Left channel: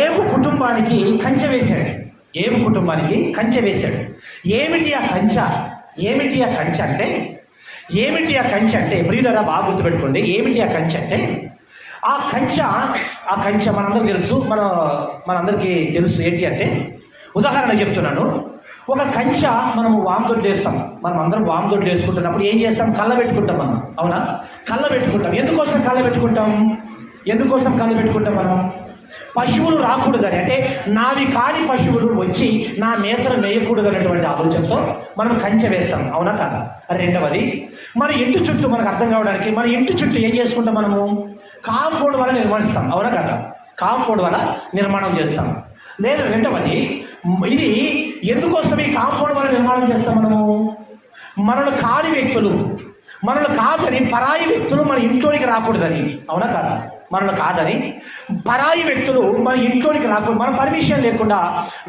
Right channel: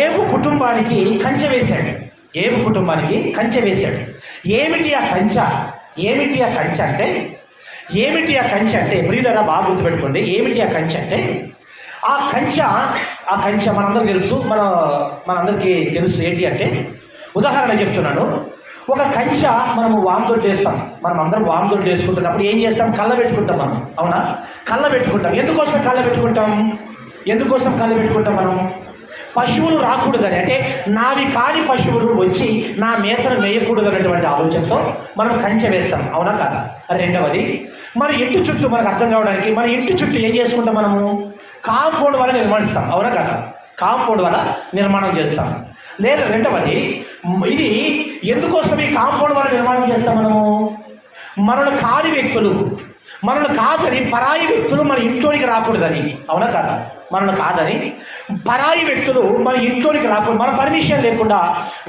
ఏబు కుటుంబానికి కంచె వేశాడు. ఏబు కుటుంబానికి కంచె వేశాడు. ఏమిటి ఆ కంచె? ఏమిటి ఆ కంచె అంటే ప్రియులారా బాగా గుర్తుపెట్టుకోండి. ఏమిటి ఆ కంచె అంటే ఆ కంచె మనందరికీ తెలుసు. మనందరికీ తెలుసు ఏంటి అంటే, ఉదాహరణ చెప్తున్నాను. ఒక కంచె మనము వామదొడ్డు వేస్తాం. మనం అందరం వామదొడ్డు వేసుకుంటున్నప్పుడు ఏం చేస్తాం? కళ్ళ పెట్టుకుంటాం మనం. అవునా? కళ్ళ పెట్టుకుంటాం. ఎందుకోసం కళ్ళ పెట్టుకుంటాం మనం? పశువులు రాకూడదని, అంటే నావి కాని పశువులు వచ్చి నా మేతను మేయకూడదు అనేటువంటి ఆలోచనతో మనం కంచె వేస్తాం. అవునా కాదా? రెండవది, మన ఇంటి చుట్టూ మనకు అర్థం కావడానికి మన ఇంటి చుట్టూ ఏం చేసుకుంటాం? మనము కాంపౌండ్ వల్ల నిర్మాణిస్తాం. అవునా కాదా? కాంపౌండ్ వల్ల నిర్మాణం చేస్తాం. లేదా రెండవది, ఇది ఎందుకోసం ఈ కాంపౌండ్ వల్ల నిర్మాణం చేస్తాం? మనల్ని కాని వ్యక్తులు, మనల్ని కాదని పరాయి వ్యక్తులు మన ఇంట్లోనికి రాకూడదని. అవునా కాదా? మనల్ని కాదని పరాయి వ్యక్తులు మన ఇంట్లోనికి రాకూడదు. మన పర్మిషన్ లేకుండా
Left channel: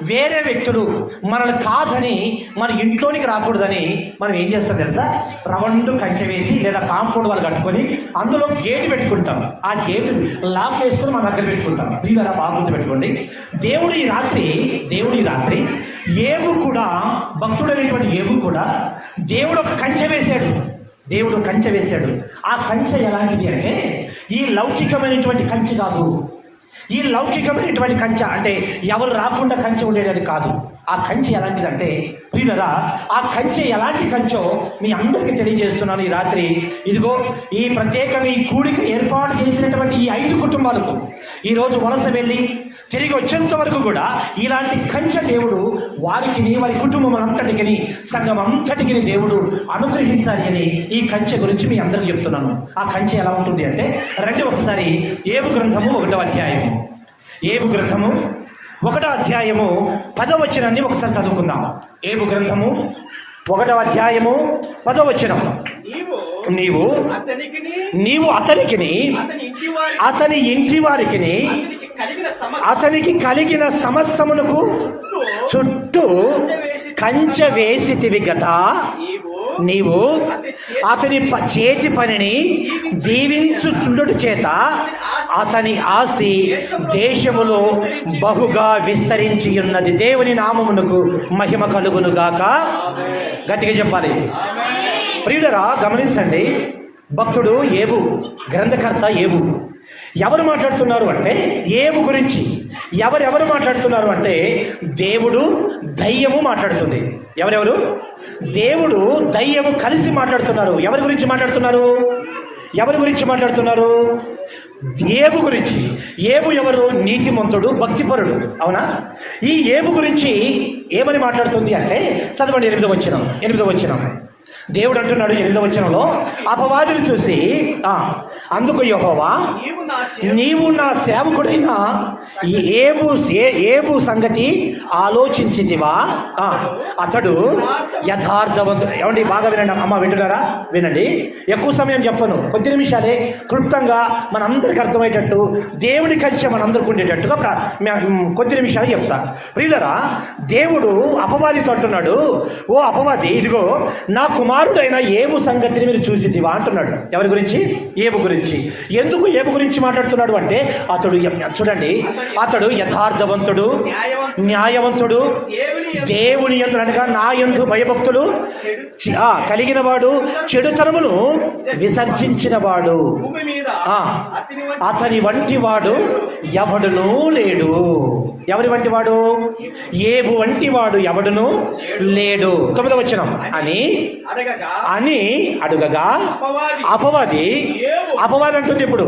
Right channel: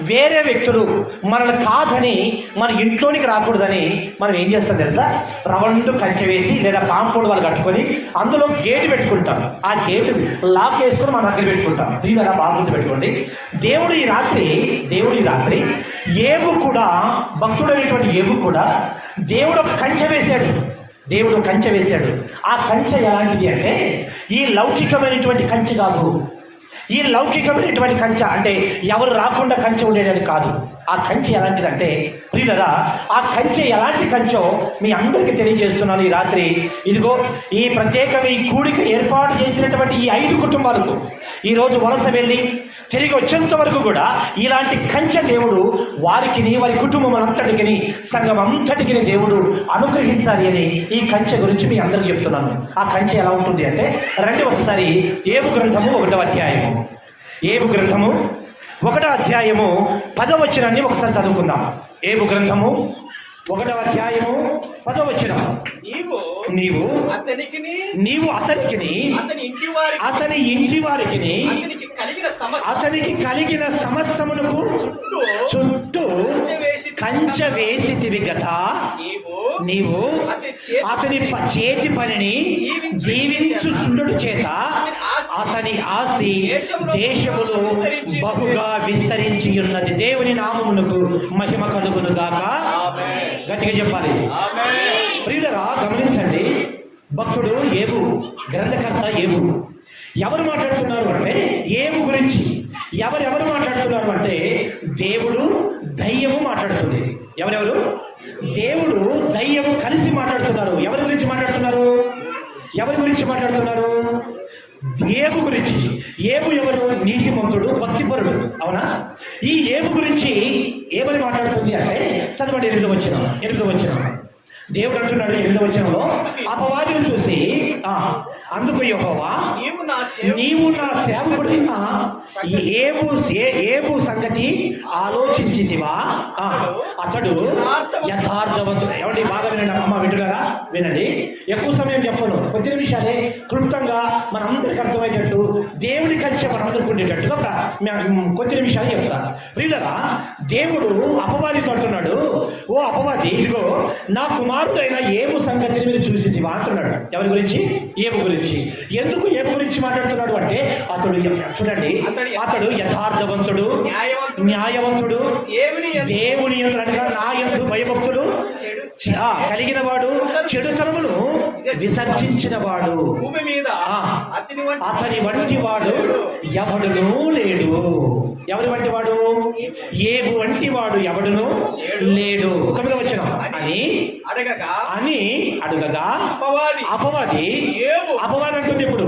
వేరే వ్యక్తులు మనల్ని కాదని మన ఇంట్లోనికి రాకూడదని మనం ఏం చేస్తాం తెలుసా? రౌండ్ కంచె వేసి లేదా కాంపౌండ్ వాళ్ళు కట్టుకొని అందులో గేటు పెట్టుకుంటాం. ఆ గేటు లాక్ వేసుకొని మన దగ్గర పెట్టుకుంటాం. మీరు అలా బాగుంది పెట్టుకోండి. దేవుడు ఈ రాత్రి ఏబు కూడా, భక్తుడైనటువంటి ఏబు కూడా దేవుడు ఒక కంచె వేశాడు. ఆ కంచె ఎలాంటిది అంటే, ఈ లౌకికమైనటువంటి కంచె కాదు. ఈ లౌకికమైనటువంటి కంచె అంటే ఎవరు రాకుండా కంచె ఉండేది కాదు. ఆ కంచె ఎలాంటిదంటే ప్రియులరా, ఆ కంచె ఎలాంటి కంచెో మీ అందరికీ తెలియజేస్తున్నాను ఈ రాత్రి. ఇదిగో ఈ ప్రత్యేకంగా ఈ కూడిక ఏర్పాటు చేసినటువంటి ఈ 5 కుటుంబాలకు ఈరోజు వలస వెళ్ళి తిరిగి వచ్చేంత వరకు కూడా ఇలాంటి కంచె దేవుడు వారి కుటుంబం అంతటికి, సంఘం అంతటికి దేవుడు అనుగ్రహించాలి అని ఈ కంచె గురించి మీ అందరికి చెప్తున్నాను. ఆ కంచె ఎలా ఉంటుంది అంటే, ఒకసారి ఏబు గ్రంథము 1వ అధ్యాయము, 1వ అధ్యాయము 10వ వచనాన్ని ఒకసారి చదువుకుందాం. ఏబు గ్రంథము 1వ అధ్యాయము 10వ వచనం. నీవు అతనికి అతని ఇంటి వారికి అతనికి కలిగిన సమస్తమునకు చుట్టూ కంచె వేసితివి గదా. నీవు అతని చేతి పనిని దీవించుచుండుట చేత అతని ఆస్తి దేశములో బహుగా విస్తరించి ఉన్నది. దేవుని నామమునకు మహిమ కలుగును గాక. గట్టిగా చెప్పాలి. ప్రియులరా గమనించండి, భక్తుడు ఏబు, గ్రంథకర్త ఏబు ఎవరు మాట్లాడుతున్నారు అంటే ఏబు గురించి ఎవరెవరు మాట్లాడుతున్నారు అంటే దేవుడు, దయ్యము మాట్లాడుతుంది. ఎవరెవరు? దేవుడు, దయ్యము కలిసి మాట్లాడుతున్నారు. ఎవరి గురించి మాట్లాడుతున్నారు? ఏబు గురించి. ఏబు ఎవరు? నీతిమంతుడు, భక్తిపరుడు. అవునా? ఈ ఏబు గురించి ఏమని మాట్లాడుతుంది అంటే, చదవండి 8వ వచనం. దేవుడు అంటున్నాడు 8వ వచనంలో, అపవాదిని చూసి అందుకు యెహోవా, నీవు నా సేవకుడైన ఏబు సంగతి ఆలోచించితివా? అతడు యథార్థవంతుడు. ఏమండి బాగా వినండి అమ్మ, వింటున్నారా? వినండి. ఎక్కువ సమయం చెప్పను, కొద్ది నిమిషాలే క్లుప్తంగా మనందరికి అర్థమయ్యేటట్టు, దేవుని కంచె మనందరికి ఉండేటట్టుగా కొద్ది నిమిషాలు చెప్తాను. ప్రియులరా, దేవుడు అపవాదితో అంటున్నాడు, ఓ అపవాది, ఇదిగో నా కుమారుడైన ఏబు సంగతిని మీరు చూసితివా అంటున్నాడు. ఎవరి గురించి? ఏబు గురించి. ఎందుకు ఏబు గురించి మాట్లాడుతున్నాడు అంటే, చూడండి, అతడు యథార్థవంతుడు, న్యాయవంతుడు, దేవుని యందు అనగా నా యందు భయభక్తులు కలిగిన వాడు, చెడుతనమును విసర్జించిన వాడు, అతని వంటి వాడు ఎవడునూ లేడు. ఎవరి వంటి వాడు? ఏబు వంటి వాడు ఎవడును లేడు. 9వ వచనం. అని అడుగగా అపవాది అంటుంది. ఇప్పుడు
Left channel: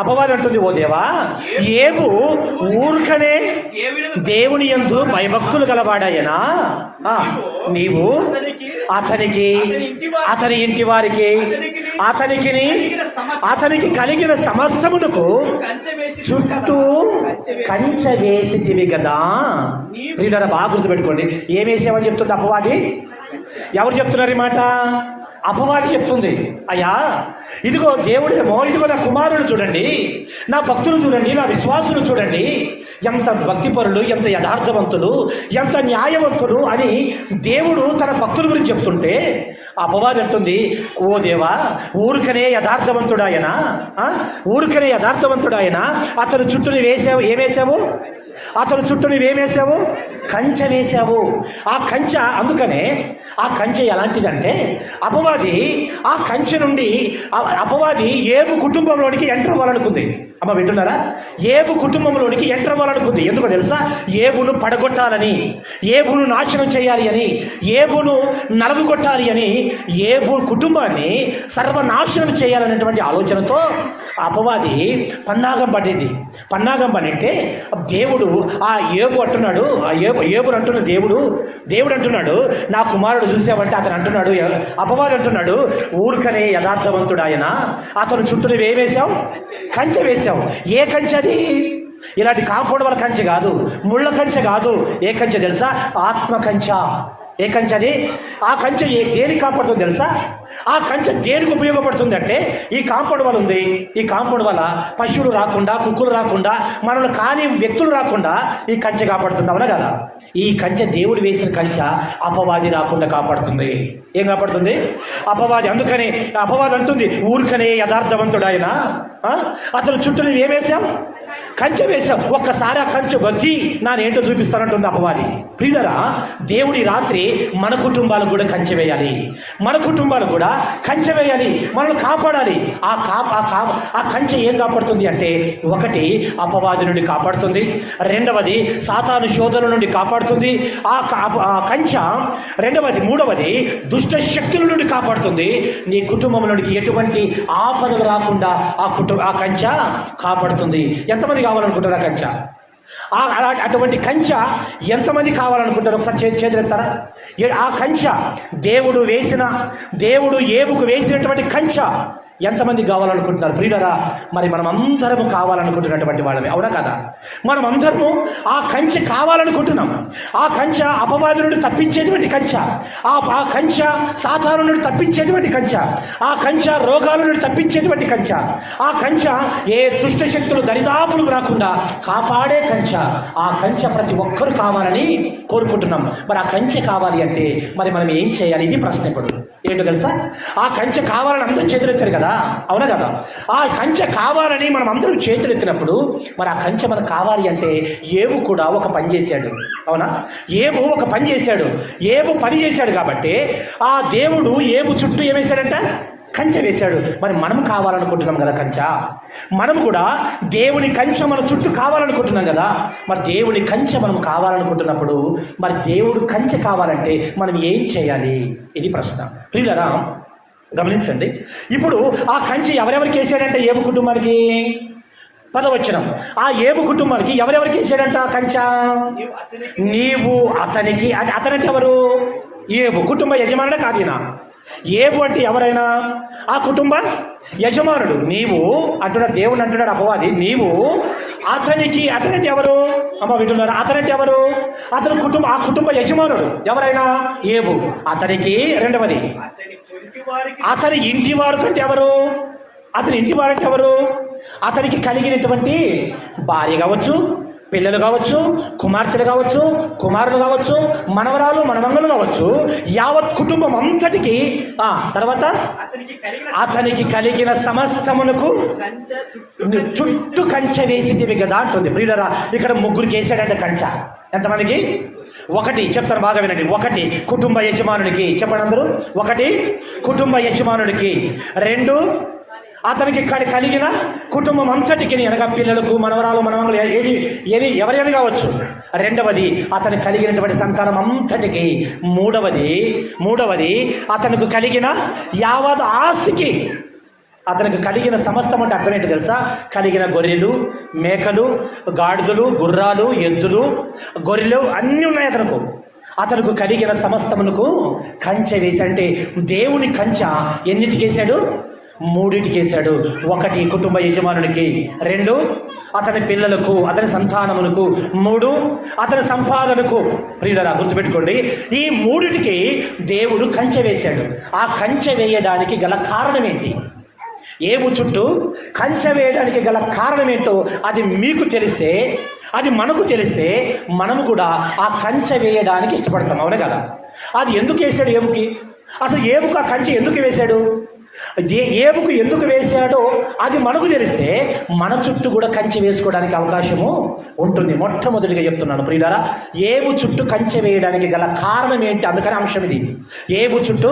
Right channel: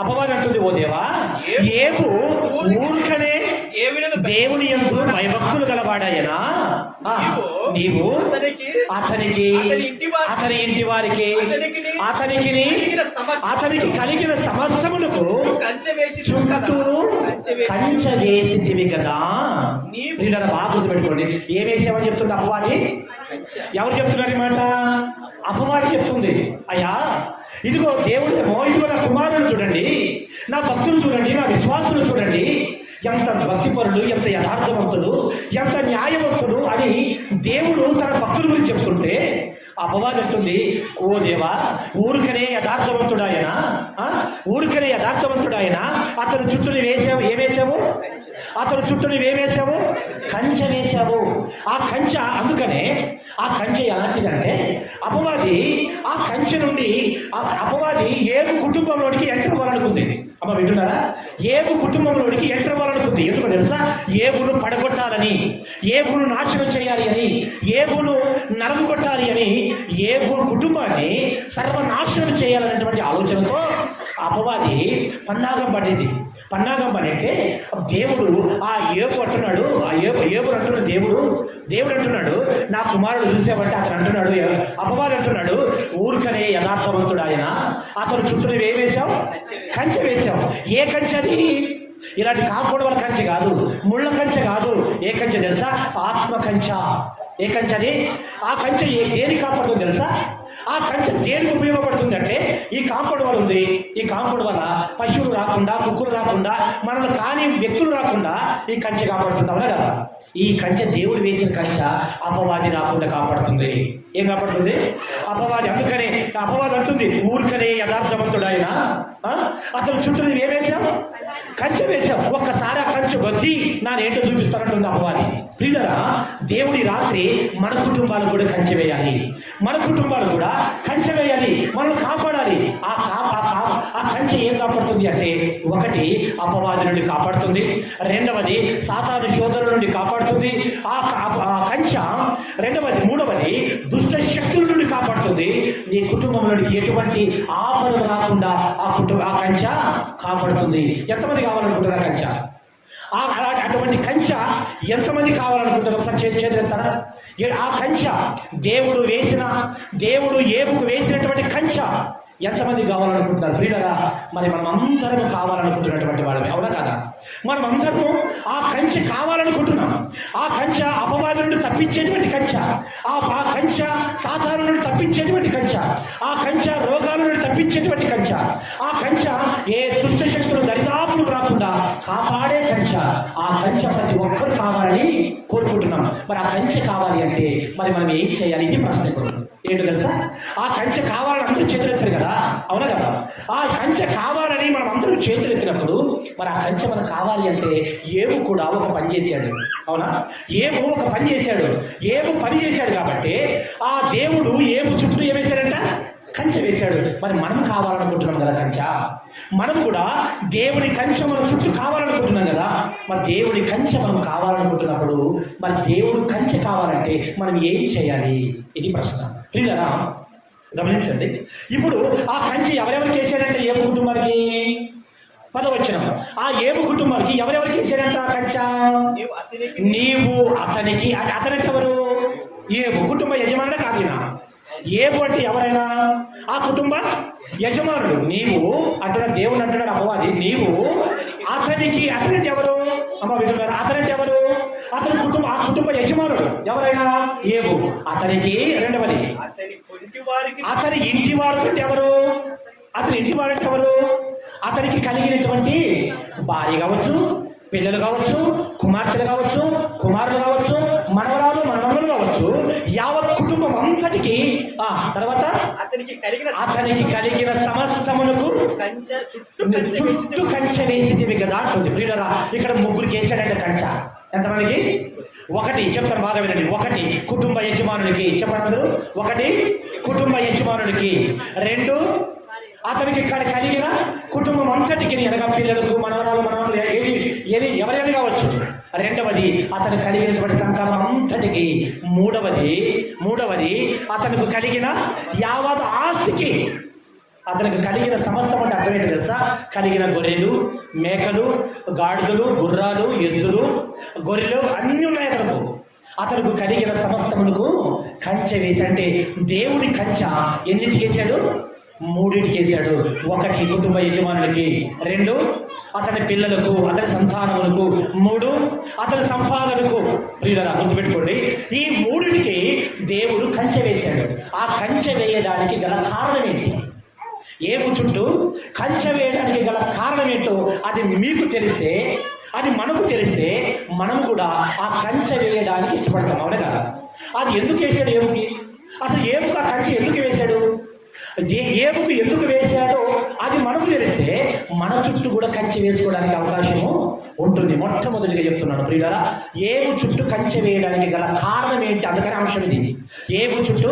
అపవాది అంటుంది, ఓ దేవా, ఏబు ఊరుకనే దేవుని యందు భయభక్తులు గలవాడాయనా? నీవు అతనికి, అతని ఇంటి వారికి, అతనికి కలిగిన సమస్తమునకు చుట్టూ కంచె వేసితివి కదా. ప్రియులారా బాగా గుర్తుపెట్టుకోండి, ఏం వేసామని చెప్తుంది అపవాది. ఎవరు చెప్తున్నారు ఈ మాట? అపవాది చెప్తుంది. అయ్యా, ఇదిగో దేవుడేమో, ఇదిగో నా కుమారులు చూడండి, నా భక్తులు చూడండి, నా విశ్వాసులు చూడండి, ఎంత భక్తిపరులు, ఎంత యథార్థవంతులు, ఎంత న్యాయవంతుడు అని దేవుడు తన భక్తుల గురించి చెప్తుంటే, అపవాది అంటుంది, ఓ దేవా, ఊరికనే యథార్థవంతుడాయన, ఊరికనే యథార్థవంతుడాయన అతను చుట్టూ వేసావు, ఏమేసావు? అతను చుట్టూ నువ్వేమేసావు? కంచె వేసావు. ఆ కంచె, అందుకనే ఆ కంచె ఎలాంటిదంటే, అపవాది ఆ కంచె నుండి అపవాది ఏబు కుటుంబంలోనికి ఎంటర్ అవ్వాలనుకుంది. అమ్మ వింటున్నారా? ఏబు కుటుంబంలోనికి ఎంటర్ అవ్వాలనుకుంది. ఎందుకో తెలుసా? ఏబును పడగొట్టాలని, ఏబును నాశనం చేయాలి అని, ఏబును నలుగుగొట్టాలి అని, ఏబు కుటుంబాన్ని సర్వనాశనం చేయాలనేటువంటి ఆలోచనతో అపవాది పన్నాగం పడింది. పన్నాగం పడితే దేవుడు ఆ ఏబు అంటున్నాడు, ఆ ఏబుని అంటున్న దేవుడు అంటున్నాడు, నా కుమారుడు చూసామంటే అతను అంటున్నాడు, అపవాది అంటున్నాడు, ఊరికనే యథార్థవంతుడు ఆయన, అతను చుట్టూ ఏమేశావు? కంచె వేశావు. ఏ కంచె అది? ఇలాంటి కాంపౌండ్ వాళ్ళ కంచె కాదు, ముళ్ళ కంచె కాదు. ఏ కంచె తెలుసా? ఆత్మ కంచె. ఏ కంచె అది? ఆ కంచె దేనికి కాపాడుతుంది తెలుసా? ఆ కంచె దేనికి ఉపయోగపడుతుంది అంటే, ఈ కాంపౌండ్ వల్ల ఉంది, ఈ కాంపౌండ్ వల్ల పశువులు రాకుండా, కుక్కలు రాకుండా, మనల్ని కాని వ్యక్తులు రాకుండా ఈ కంచె కాపాడుతుంది. అవునా కదా? ఈ కంచె దేవుడు వేసిన కంచె అపవాది రాకుండా కాపాడుతుంది. ఏం కాపాడుతుంది? అపవాది. అందుకని అపవాది అంటుంది, ఊరికనే యథార్థవంతుడు ఆయన, అతని చుట్టూ నువ్వు ఏమేశావు? కంచె వేశావు. ఒక్కసారి ఆ కంచె వచ్చి నానేంటో చూపిస్తానంటుంది అపవాది. ప్రియులరా, దేవుడి రాత్రి మన కుటుంబాలకు కూడా కంచె వేయాలి, మన కుటుంబాలు కూడా కంచె వేయాలి, మనల్ని కాపాడాలి. ఆ కంచె ఏం కాపాడుతుంది అంటే, ఒకటి అపవాది నుండి కాపాడుతుంది, రెండవది సాతాను శోధన నుండి కాపాడుతుంది ఆ కంచె, మూడవది దుష్ట శక్తుల నుండి కాపాడుతుంది. నీ కుటుంబంలోనికి ఎటువంటి ఆపదలు రాకుండా ఆ కంచె కాపాడుతుంది. ఎంతమంది కావాలనుకుంటారు ఆ కంచె? అటువంటి కంచె ఎంతమంది కావాలనుకుంటారు? ఒకసారి చేతులెత్తారా? ఆ కంచె దేవుడు ఏబుకు వేసినటువంటి కంచె ఎంతమంది కావాలనుకుంటున్నారు? ప్రియులరా, మరి మనం అందరము కావాలనుకుంటున్నటువంటి వాళ్ళని, అవునా కదా? మనం అందరము ఆ కంచె కావాలనుకుంటున్నాం. ఆ కంచె అపవాది నుండి తప్పించేటువంటి కంచె, ఆ కంచె సాతాను నుండి తప్పించేటువంటి కంచె, ఆ కంచె రోగాల నుండి తప్పించేటువంటి కంచె, ఆ కంచె ఏ దుష్ట శక్తులు దరిదాపులు రాకుండా కాపాడే కంచె. ఆ కంచె ప్రతి ఒక్కరు కావాలని కోరుకుంటున్నాం. మరి ఆ కంచె కావాలి అంటే మరి మనం ఏం చేయాలి? ఇది ప్రశ్న. ఇప్పుడు ఏంటో తెలుసా? ఆ కంచె కావాలని అందరూ చేతులు ఎత్తారు కదా, అవునా కదా? ఆ కంచె కావాలని మనం అందరూ చేతులు ఎత్తినప్పుడు మరి ఆ కంచె మనకు కావాలి అంటే ఏబు కూడా ఒక పని చేశాడు, అవునా? ఏబు ఒక పని చేశాడు. ఏబు పని చేశాడు కాబట్టి ఆ దేవుడు ఏబు చుట్టూ ఏమేశాడంట? కంచె వేశాడు. మరి మనం కావాలనుకుంటున్నాం కదా కంచె, మనం కూడా దేవుని కంచె మన చుట్టూ కావాలనుకుంటున్నాం కదా. మరి దేవుని కంచె మనం కావాలనుకుంటున్నప్పుడు మరి దేవుడు కంచె కావాలంటే మనం ఏం చేయాలి? ఇది ప్రశ్న. ప్రియులరా, గమనించండి. ఇప్పుడు ఆ కంచె ఎవరెవరికి వేసాడంటే ఏబు కుటుంబానికి? 10వ వచనం. ఆ ఏబు కుటుంబానికి ఎవరెవరికి వేసాడంట కంచె? నీవు అతనికి. అతనంటే ఎవరు? ఏబు కుటుంబ యజమానుడే కాదీనా? ఏబు అంటే ఎవరైనా ఆ కుటుంబ యజమానుడు. నీవు అంటున్నాడు, దేవుడు అంటున్నాడు అపవాది, నీవు అతనికి. అతనంటే ఎవరు? అమ్మ వింటున్నారు? అతనంటే ఎవరు? ఆ కుటుంబ యజమానుడు ఎవరైనా ఏబు. అతనికి. రెండవది అతని ఇంటి వారు అంటే ఎవరు? అతని ఇంటి వారంటే ఎవరు? అతనికి కలిగినటువంటి భార్య కావచ్చు, పిల్లలు కావచ్చు, కుమార్తెలు కావచ్చు, కుమారులు కావచ్చు, మనవరాలు మనవళ్ళు కావచ్చు, యావత్ కుటుంబం అంతటికి. తర్వాత అతనికి కలిగిన సమస్తమునకు చుట్టూ కంచె వేసి కదా అంటుంది. ప్రియులరా, ఇక్కడ ముగ్గురికి వేసాడంటే కంచె. ఎంతమందికి? ఒకటి చెప్తారు, బాగా వినండి. ఒకటి కుటుంబ యజమానుడికి. చెప్పండి అందరూ. ఒకటి కుటుంబ యజమానుడికి. రెండు అతనికి కలిగిన కుటుంబం అంతటికి, అనగా పిల్లలకు, మనవరాలు మనవరాలు ఎవరైనా కావచ్చు. రెండవది అతనికి కలిగినటువంటి సంతానం అంతటికి. మూడవది అతనికి కలిగిన యావత్ ఆస్తికి. అతనికి కలిగిన సమస్తం అంటే అర్థం ఏంటి తెలుసా? కలిగిన గొర్రెలు, మేకలు, గాడిదలు, గుర్రాలు, ఎద్దులు, గొర్రెలు అన్నీ ఉన్నాయి అతనికి కలిగిన సమస్తమునకు కంచె వేసి. అంటే దేవుని కంచె ఎన్నిటికి వేశాడు? 3టికి వేశాడు. ఒకటి కుటుంబ యజమానులకి, 2 అతని పిల్లలకు, అతని సంతానములకు, 3 అతని సంపాదనకు. ప్రియులరా, గుర్తుపెట్టుకోండి, ఈ 3టికి దేవుడు కంచె వేశాడు. ఆ కంచె వేయడానికి గల కారణం ఏంటి? ఏబు చుట్టూ కంచె వేయడానికి గల కారణం ఏంటో అది మీకు తెలిస్తే, అది మనకు తెలిస్తే మనము కూడా ఆ కంచె వేయడానికి ఇష్టపడతాం, అవునే కదా? అది ఎందుకు వేసాడు ఏబుకి? అసలు ఏబుకు ఆ కంచె ఎందుకు వేశాడు? ఏబుకు ఎందుకు వేశాడో అది మనకు తెలిస్తే మన చుట్టూ కూడా కంచె వేసుకోవడానికి అవకాశము ఉంటుంది. మొట్టమొదటిగా చెప్తున్నాను ప్రియులారా, ఏబు చుట్టూ కంచె వేయడానికి గల కారణం ఏంటి? అందుకని అంశం ఇది. ఏబు చుట్టూ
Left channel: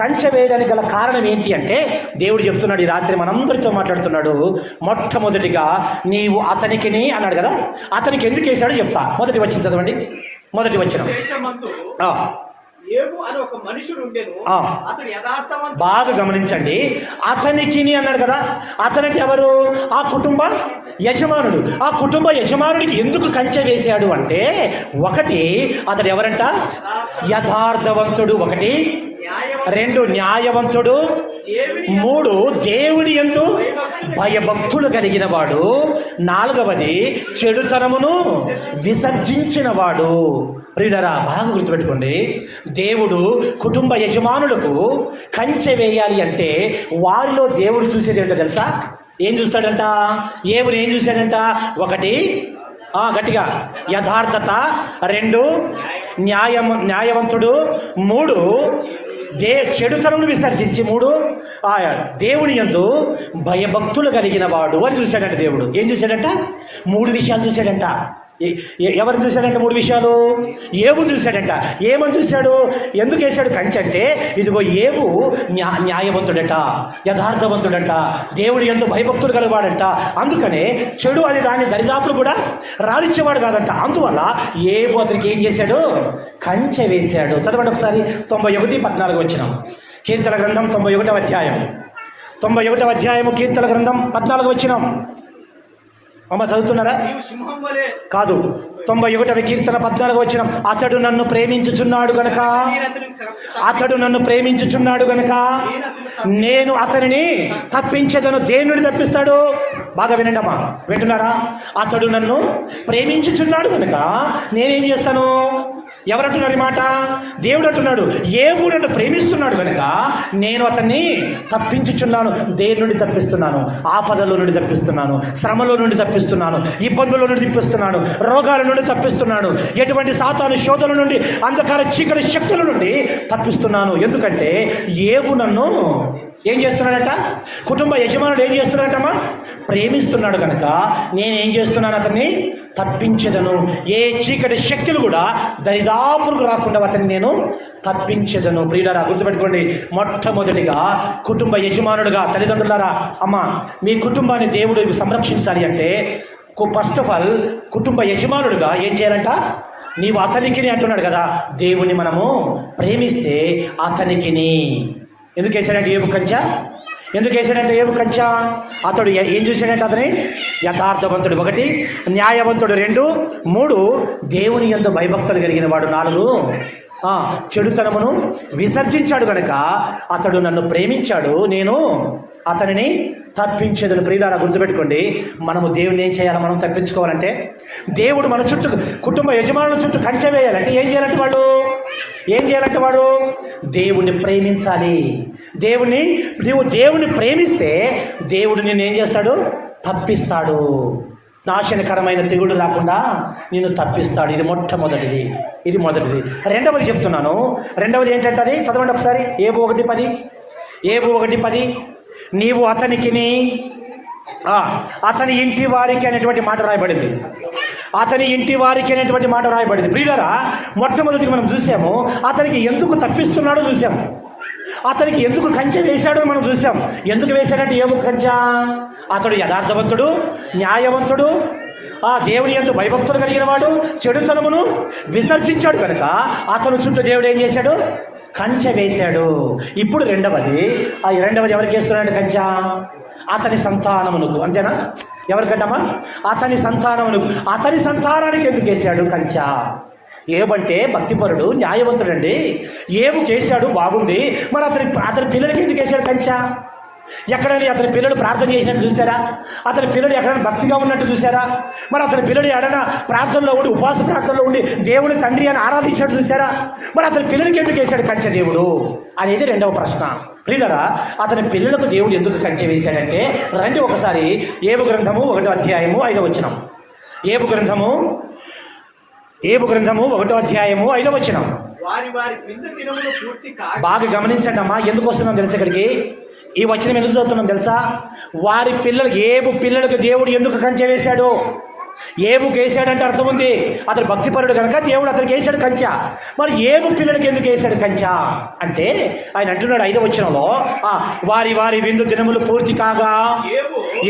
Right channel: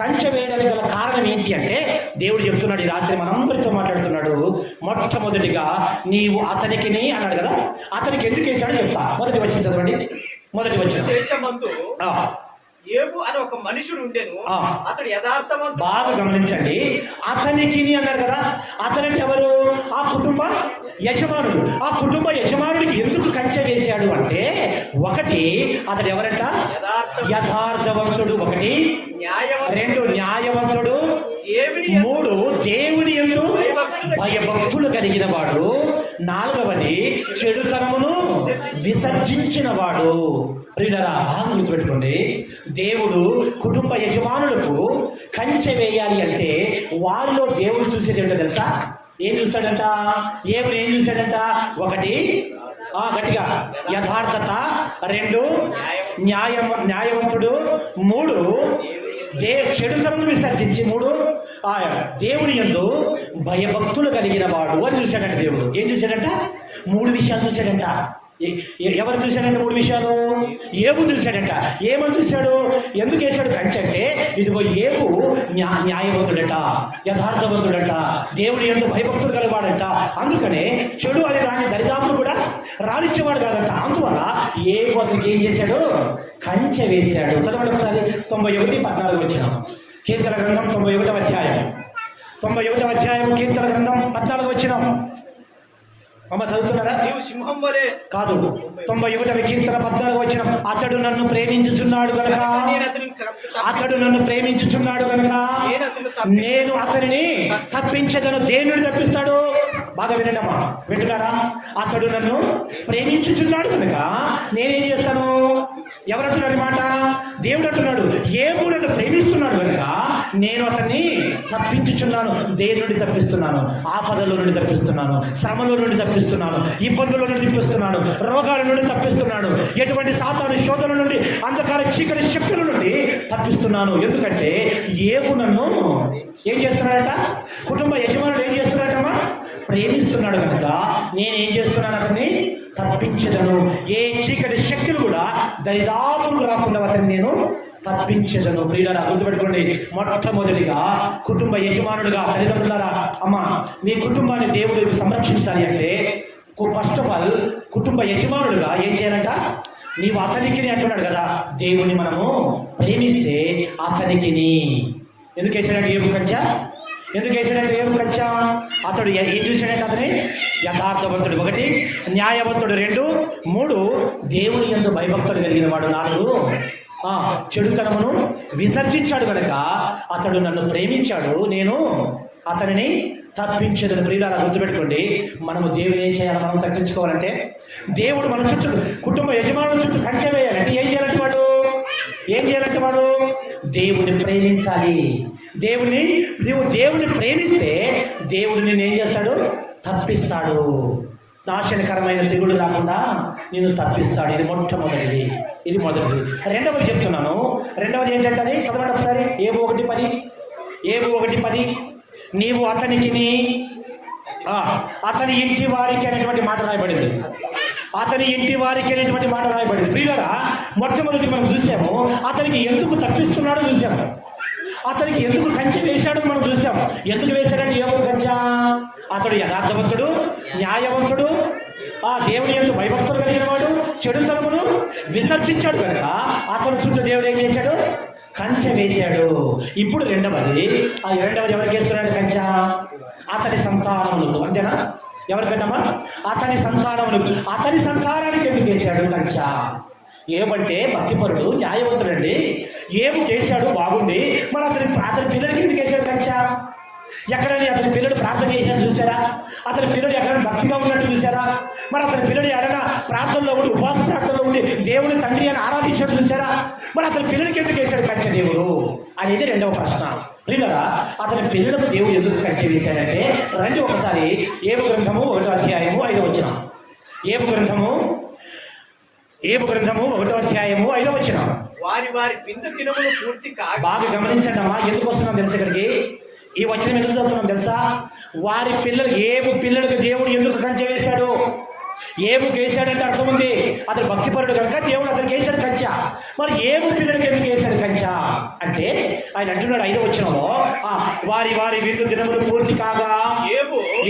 కంచె వేయడానికి గల కారణం ఏంటి అంటే దేవుడు చెప్తున్నాడు ఈ రాత్రి మనందరితో మాట్లాడుతున్నాడు. మొట్టమొదటిగా నీవు అతనికి అన్నాడు కదా, అతనికి ఎందుకు వేశాడో చెప్తా. మొదటి వచ్చిన చదవండి, మొదటి వచ్చిన ఏబు అని ఒక మనుషుడు ఉండేను, అతడు యథార్థవంతుడు. బాగా గమనించండి, అతనికి అన్నాడు కదా, అతనికి ఎవరు? ఆ కుటుంబ యజమానుడు. ఆ కుటుంబ యజమానుడికి ఎందుకు కంచె వేశాడు అంటే, ఒకటి అతడు ఎవరంట? యథార్థవంతుడు. ఒకటి, రెండు న్యాయవంతుడు, మూడు దేవుని యందు భయభక్తులు కలిగిన వాడు, నాలుగవది చెడుతనమును విసర్జించిన వాడు. ప్రియులారా బాగా గుర్తుపెట్టుకోండి, దేవుడు కుటుంబ యజమానులకు కంచె వేయాలి అంటే వారిలో దేవుడు చూసేది ఏంటో తెలుసా? ఏం చూస్తాడంట? ఏం చూశాడంట? ఒకటి గట్టిగా యథార్థత, రెండు న్యాయవంతుడు, మూడు చెడుతనను విసర్జించి, మూడు దేవుని యందు భయభక్తులు కలిగిన వాడు అని చూశాడంట. దేవుడు ఏం చూశాడంట? మూడు విషయాలు చూశాడంట. ఎవరిని చూశాడంటే? మూడు విషయాలు. ఏబు చూశాడంట. ఏమని చూశాడు? ఎందుకు వేశాడు కంచె అంటే, ఇదిగో ఏబు న్యాయవంతుడట, యథార్థవంతుడంట, దేవుడి యందు భయభక్తులు కలివాడంట. అందుకనే చెడు అని దాన్ని దరిదాపులు కూడా రానిచ్చేవాడు కాదంట. అందువల్ల ఏబు అతనికి ఏం చేశాడు? కంచె వేశాడు. చదవండి ఒకసారి 91:14 వచ్చిన కీర్తన గ్రంథం 91వ అధ్యాయం. 91వ అధ్యాయము కీర్తన గ్రంథం 14 వచ్చిన. అమ్మ చదువుతున్నారా? కాదు, 91వ కీర్తన 14 వచ్చిన. అతడు నన్ను ప్రేమించుచున్నాడు గనక, అతడు నన్ను ప్రేమించుచున్నాడు గనక నేను అతనిని తప్పించదను. దేని తప్పిస్తాడు? బాగా వినండి అమ్మా, వింటున్నారా? అతడు నన్ను ప్రేమించుచున్నాడు కనుక నేనేం చేస్తాను? ఎవరంటున్నారు ఈ మాట? దేవుడు అంటున్నాడు. ఏబు నన్ను ప్రేమిస్తున్నాడు కనుక నేను అతన్ని తప్పించుచున్నాను. దేని నుండి తప్పిస్తున్నాను? ఆపదలో నుండి తప్పిస్తున్నాను, శ్రమలో నుండి తప్పిస్తున్నాను, ఇబ్బందుల నుండి తప్పిస్తున్నాను, రోగాల నుండి తప్పిస్తున్నాను, ఎటువంటి సాతాను శోధన నుండి, అంధకార చీకటి శక్తుల నుండి తప్పిస్తున్నాను. ఎందుకంటే ఏబు నన్ను ఏం చేస్తున్నాడట? కుటుంబ యజమానుడు ఏం చేస్తున్నాడటమ్మా? ప్రేమిస్తున్నాడు కనుక నేనేం చేస్తున్నాను? అతన్ని తప్పించదను. ఏ చీకటి శక్తులు కూడా దరిదాపులకు రాకుండా అతన్ని నేను తప్పించదను. ప్రియులారా గుర్తుపెట్టుకోండి, మొట్టమొదటిగా కుటుంబ యజమానుడుగా, తల్లిదండ్రులారా, అమ్మ మీ కుటుంబాన్ని దేవుడు సంరక్షించాలి అంటే ఫస్ట్ ఆఫ్ ఆల్ కుటుంబ యజమానుడుగా ఏం చేయాలంట? నీవు అతనికి అంటున్నాడు కదా, దేవుని మనము ప్రేమిస్తే అతనికి. ఎందుకు వేసాడంటే ఏబు కంచె? ఎందుకు వేసాడంటే ఏబు కంచె? అతడు ఏం చూశాడంటే అతని యథార్థవంతుడు, ఒకటి న్యాయవంతుడు, రెండు మూడు దేవుని యందు భయభక్తులు కలిగిన వాడు, నాలుగు చెడుతనమును విసర్జించాడు కనుక అతడు నన్ను ప్రేమించాడు, నేను అతనిని తప్పించేదని. ప్రియులారా గుర్తుపెట్టుకోండి, మనము దేవుని ఏం చేయాలి? మనం తప్పించుకోవాలంటే దేవుడు మన చుట్టూ కుటుంబ యజమానుల చుట్టూ కంచె వేయాలంటే ఏం చేయాలంటే వాడు దేవుణ్ణి ప్రేమించాలి. నీవు దేవుని ప్రేమిస్తే దేవుడు నిన్ను ఏం చేస్తాడు? తప్పిస్తాడు. నాశనకరమైన తెగుడు రాకుండా నిన్ను తప్పిస్తాడు. ఇది మొట్టమొదటిది. ఇది మొదటిది. రెండవది చెప్తున్నాను. రెండవది ఏంటంటే అది చదవండి ఒకసారి. ఏబు 1:10 నీవు అతనికి అతని ఇంటి వారికి అనేటువంటి మాట రాయబడింది. అతని ఇంటి వారికి అనేటువంటి మాట రాయబడింది. ప్రియులారా మొట్టమొదటిగా మనం చూసాము, అతనికి ఎందుకు తప్పిస్తున్నాడో చూసాము, అతనికి ఎందుకు కంచె వేశాడో మనం చూసాం. ఎందుకు వేశాడంటే ఏబు కంచె? అతడు యథార్థవంతుడు, న్యాయవంతుడు, దేవుని యందు భయభక్తులు కలిగిన వాడు, చెడుతనమును విసర్జించాడు కనుక అతను చుట్టూ దేవుడు ఏం చేశాడు? కంచె వేశాడు. ఇప్పుడు రెండవది ఎవరికి వేస్తున్నాడు కంచె? అతని సంతానమునకు. అంతేనా? ఎవరికంటమ్మా? అతని సంతానమునకు. అతని సంతానానికి ఎందుకు వేశాడు కంచె? ఏమంటే భక్తిపరుడు, న్యాయవంతుడండి. ఏబుకి వేశాడు, బాగుంది. మరి అతని పిల్లలకి ఎందుకు వేశాడు కంచె? ఎక్కడైనా అతని పిల్లలు ప్రార్థన చేసినట్టు చూసారా? అతని పిల్లలు ఎక్కడైనా భక్తిగా ఉన్నట్టు చూసారా? మరి అతని పిల్లలు ఎక్కడైనా ప్రార్థనలో ఉండి, ఉపవాస ప్రార్థనలో ఉండి దేవుని తండ్రి అని ఆరాధించినట్టు చూసారా? మరి అతని పిల్లలకి ఎందుకు వేశాడు కంచె దేవుడు అనేది రెండవ ప్రశ్న. ప్రియులారా అతని పిల్లలకు దేవుడు ఎందుకు కంచె వేశాడంటే, రండి ఒకసారి ఏబు గ్రంథము 1వ అధ్యాయము 5వ వచనం. ఏబు గ్రంథము 1వ అధ్యాయము 5వ వచనం. వారి వారి విందు దినములు పూర్తి కాగా బాగా గమనించండమ్మా, ఎందుకు వస్తున్నాం తెలుసు ఇక్కడికి? ఈ వచనం ఎందుకు చదువుతున్నాం తెలుసా? వారి పిల్లలకు దేవుడు ఎందుకు కంచె వేశాడు? ఏబుకి వేసాడంటే అర్థం ఉంది, అతడు భక్తిపరుడు కనుక దేవుడు అతనికి వేసాడు కంచె. మరి ఏబు పిల్లలకి ఎందుకు వేసాడు కంచె అంటే ఆయన అంటున్నాడు 5వ వచనంలో, వారి వారి విందు దినములు పూర్తి కాగా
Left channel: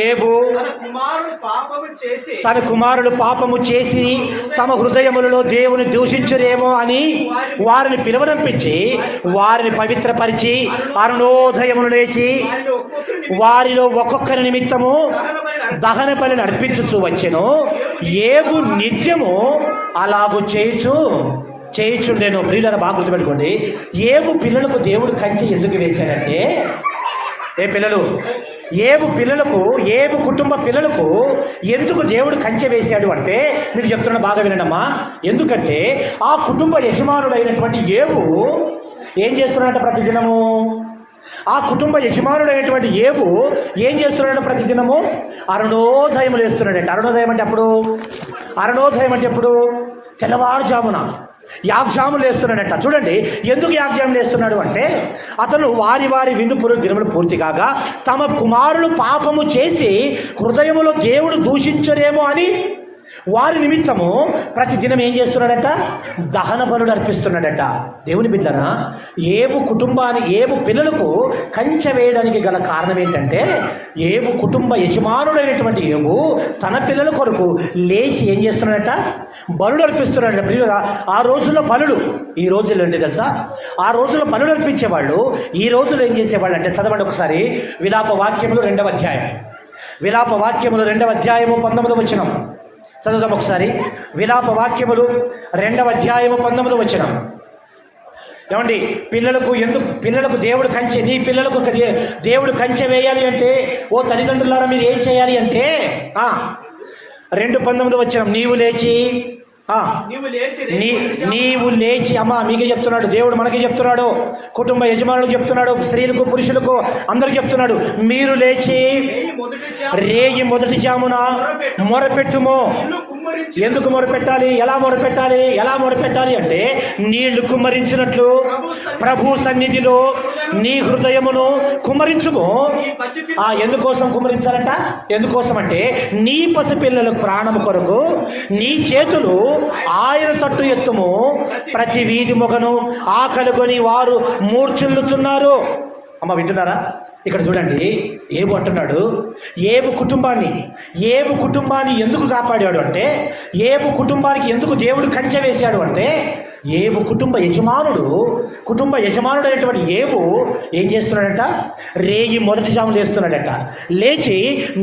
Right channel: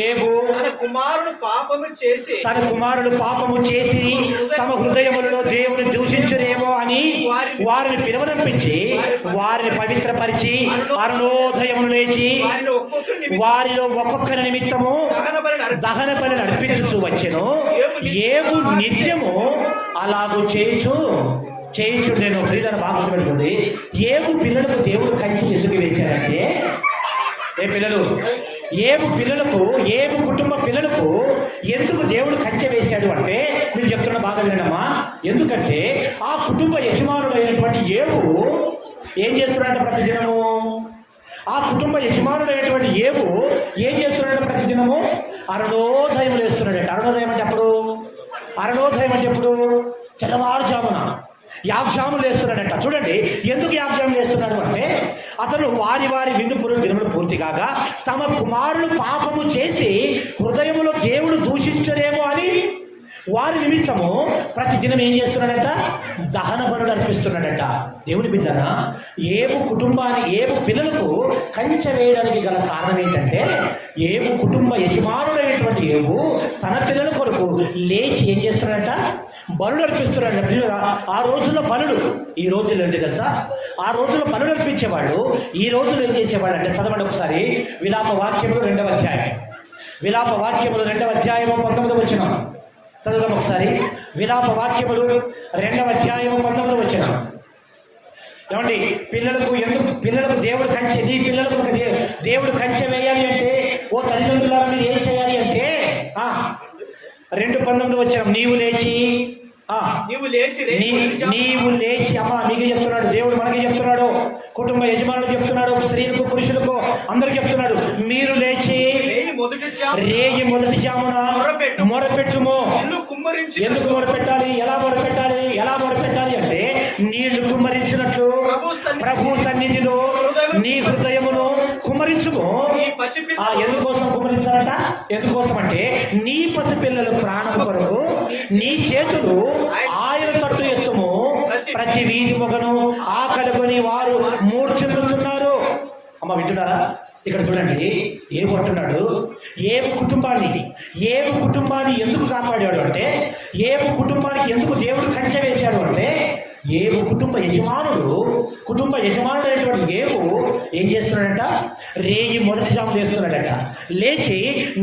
ఏబు తన కుమారుడు పాపము చేసి తమ హృదయములలో దేవుని దూషించురేమో అని వారిని పిలువనంపించి వారిని పవిత్రపరిచి అరుణోదయమును లేచి వారిలో ఒక్కొక్కరి నిమిత్తము దహన బలిని అర్పించుచూ వచ్చెను. ఏబు నిత్యము అలాగూ చేయుచుండెను. ప్రియులను బాగా గుర్తుపెట్టుకోండి. ఏబు పిల్లలకు దేవుడు కంచె ఎందుకు వేశాడంటే, ఏబు కుటుంబ పిల్లలకు ఎందుకు దేవుడు కంచె వేశాడు అంటే మీరు చెప్తున్నా బాగా వినండమ్మా. ఎందుకంటే ఆ కుటుంబ యజమానుడైనటువంటి ఏబు ఏం చేస్తున్నాడంటే ప్రతిదినము, ఆ కుటుంబ యజమానుడైనటువంటి ఏబు ఏం చేస్తున్నాడంటే ప్రతిదినము అరుణోదయములు వేస్తున్నాడంట. అరుణోదయం అంటే ఎప్పుడు? తెల్లవారుజామున యాగ్జాములు వేస్తున్నాడంట. చూడండి, ఎందుకు యాగ్జాములు వేస్తున్నాడు అంటే అతను వారి వారి విందు దినములు పూర్తి కాగా తమ కుమారులు పాపము చేసి హృదయములో దేవుడు దూషించరేమో అని వారి నిమిత్తము ప్రతి దినం ఏం చేస్తున్నాడట? దహన బలులు అర్పిస్తున్నాడట. దేవుని బిడ్డన ఏబు పిల్లలకు కంచె వేయడానికి గల కారణం ఏంటంటే ఏబు కుటుంబ యజమానుడైనటువంటి ఏబు తన పిల్లల కొరకు లేచి ఏం చేస్తున్నాడట? బలులు అర్పిస్తున్నాడట. పిల్లల ఆ రోజుల్లో బలులు, ఈ రోజుల్లో ఏంటి తెలుసా? ఆ రోజుల్లో బలులు అర్పించేవాళ్ళు. ఈ రోజుల్లో ఏం చేసేవాళ్ళు అంటే చదవండి ఒకసారి విలాప వాక్యములు 2వ అధ్యాయం. విలాప వాక్యములు 2వ అధ్యాయము 19వ వచనం చదువుదాం ఒకసారి. విలాప వాక్యములు 2వ అధ్యాయము 19వ వచనం. ఏమండి, పిల్లలకు దేవుడు కంచె, నీ పిల్లలకు దేవుడు కంచె వేయాలి అంటే ఓ తల్లిదండ్రులారా మీరు ఏం చేయాలి అంటే 2:19 వచనం, నీవు లేచి అమ్మా మీకు చెప్తున్నాడు దేవుడు, మనకి చెప్తున్నాడు, కుటుంబ యజమానులకు చెప్తున్నాడు, స్త్రీలకు పురుషులకు అందరికి చెప్తున్నాడు. మీరు లేచి రేగి మొదటి జామున మొరపెట్టుము. ఎందుకు మొరపెట్టాలి? ఎలా మొరపెట్టాలి అంటే నీళ్లు కుమ్మరించినట్లు ప్రభు సన్నిధిలో నీ హృదయమును కుమ్మరించుము. ఎందుకోసం కుమ్మరించాలంట? ఎందుకోసం అంటే నీ పసిపిల్లల ప్రాణము కొరకు నీ చేతులు ఆయన తట్టు ఎత్తుము. ప్రతి వీధి మొగను ఆకలికొని వారు మూర్ఛిల్లుచున్నారు. అమ్మ వింటున్నారా? ఇక్కడ చూడండి, ఏబు అంటున్నాడు ఏబు కుటుంబాన్ని ఎందుకు కాపాడాడు అంటే, ఏబు కుటుంబానికి ఎందుకు దేవుడు కంచె వేశాడు అంటే ఏబు కుటుంబ యజమానుడైనటువంటి ఏబు ఏం చేస్తున్నాడంట? రేయి మొదటి జాములు వేస్తున్నాడట. లేచి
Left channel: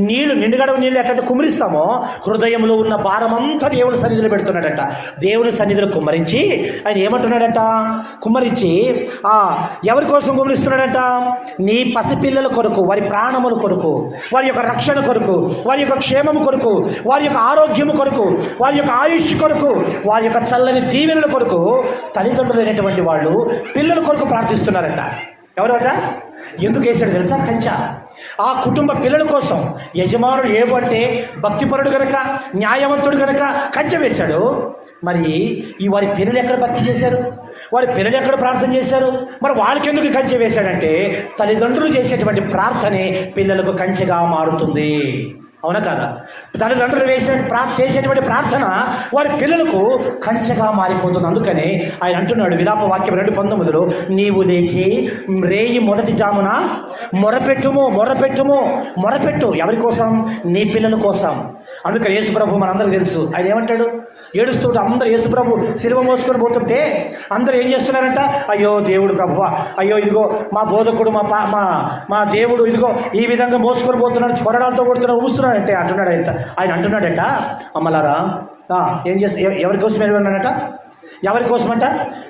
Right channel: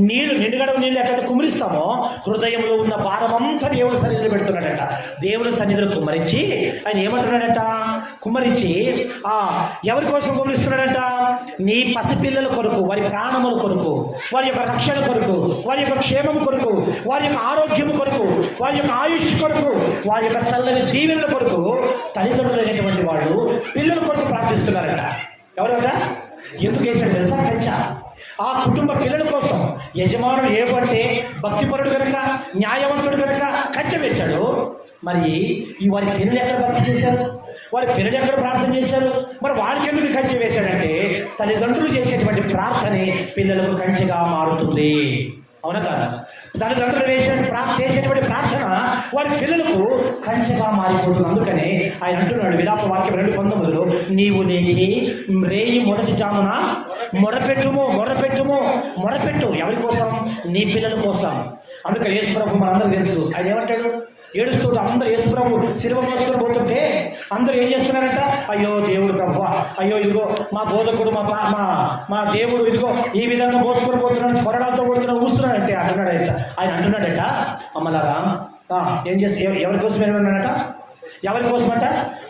నిండుగడవ నీళ్ళు ఎట్లయితే కుమ్మరిస్తామో హృదయంలో ఉన్న భారమంతా దేవుడి సన్నిధిలో పెడుతున్నాడట. దేవుడి సన్నిధిలో కుమ్మరించి ఆయన ఏమంటున్నాడట? కుమ్మరించి ఎవరి కోసం కుమ్మరిస్తున్నాడట? నీ పసిపిల్లల కొరకు, వారి ప్రాణముల కొరకు, వారి యొక్క రక్షణ కొరకు, వారి యొక్క క్షేమము కొరకు, వారి యొక్క ఆరోగ్యము కొరకు, వారి యొక్క ఆయుష్ కొరకు, వారి యొక్క చల్లని దీవెనల కొరకు తల్లిదండ్రులైనటువంటి వాళ్ళు పిల్లల కొరకు ప్రార్థిస్తున్నారట. ఎవరట? ఎందుకు వేశాడు తెలుసా కంచె? ఆ కుటుంబ పిల్లల కోసం. యజమానుడు ఏబు అంటే భక్తిపరుడు కనుక, న్యాయవంతుడు కనుక కంచె వేశాడు. మరి వారి పిల్లలు ఎక్కడ భక్తి చేశారు? వారి పిల్లలు ఎక్కడ ప్రార్థన చేశారు? మరి వాళ్ళకి ఎందుకు కంచె వేశాడంటే తల్లిదండ్రులు చేసేటువంటి ప్రార్థనే పిల్లలకు కంచెగా మారుతుంది. అవునా కాదా? తల్లిదండ్రులు చేసేటువంటి ప్రార్థన వారి పిల్లలకు కంచెగా మారిపోతుంది. అందుకనే ఆయన అంటున్నాడు విలాప వాక్యం 2:19, నీవు లేచి రేయి మొదటి జామున మొరపెట్టు. ఎవరి కోసం? నీ పిల్లల కోసం. అందుకే యేసుప్రభు మనందరూ తెలుసు, ఆయన ఏమంటాడు? ఏడుస్తుంటే అందరూ యేసుప్రభు సిలువ మోసుకొని పోతుంటే అందరూ ఏం చేస్తున్నారంట? అయ్యో దేవుడు ప్రభువా, అయ్యో ఇదిగో మా బోధకుడు మా దేవుడు ఇదిగో ఈ విధంగా మోసుకొని పోతున్నాడు, కొరడాలతో కొడుతున్నాడు, ఊస్తున్నాడంటే ఆయన అంటున్నాడట అమ్మలారా ఏం చేసి ఎవరి కోసం ఏమన్నాడట? ఎవరి కోసమంట?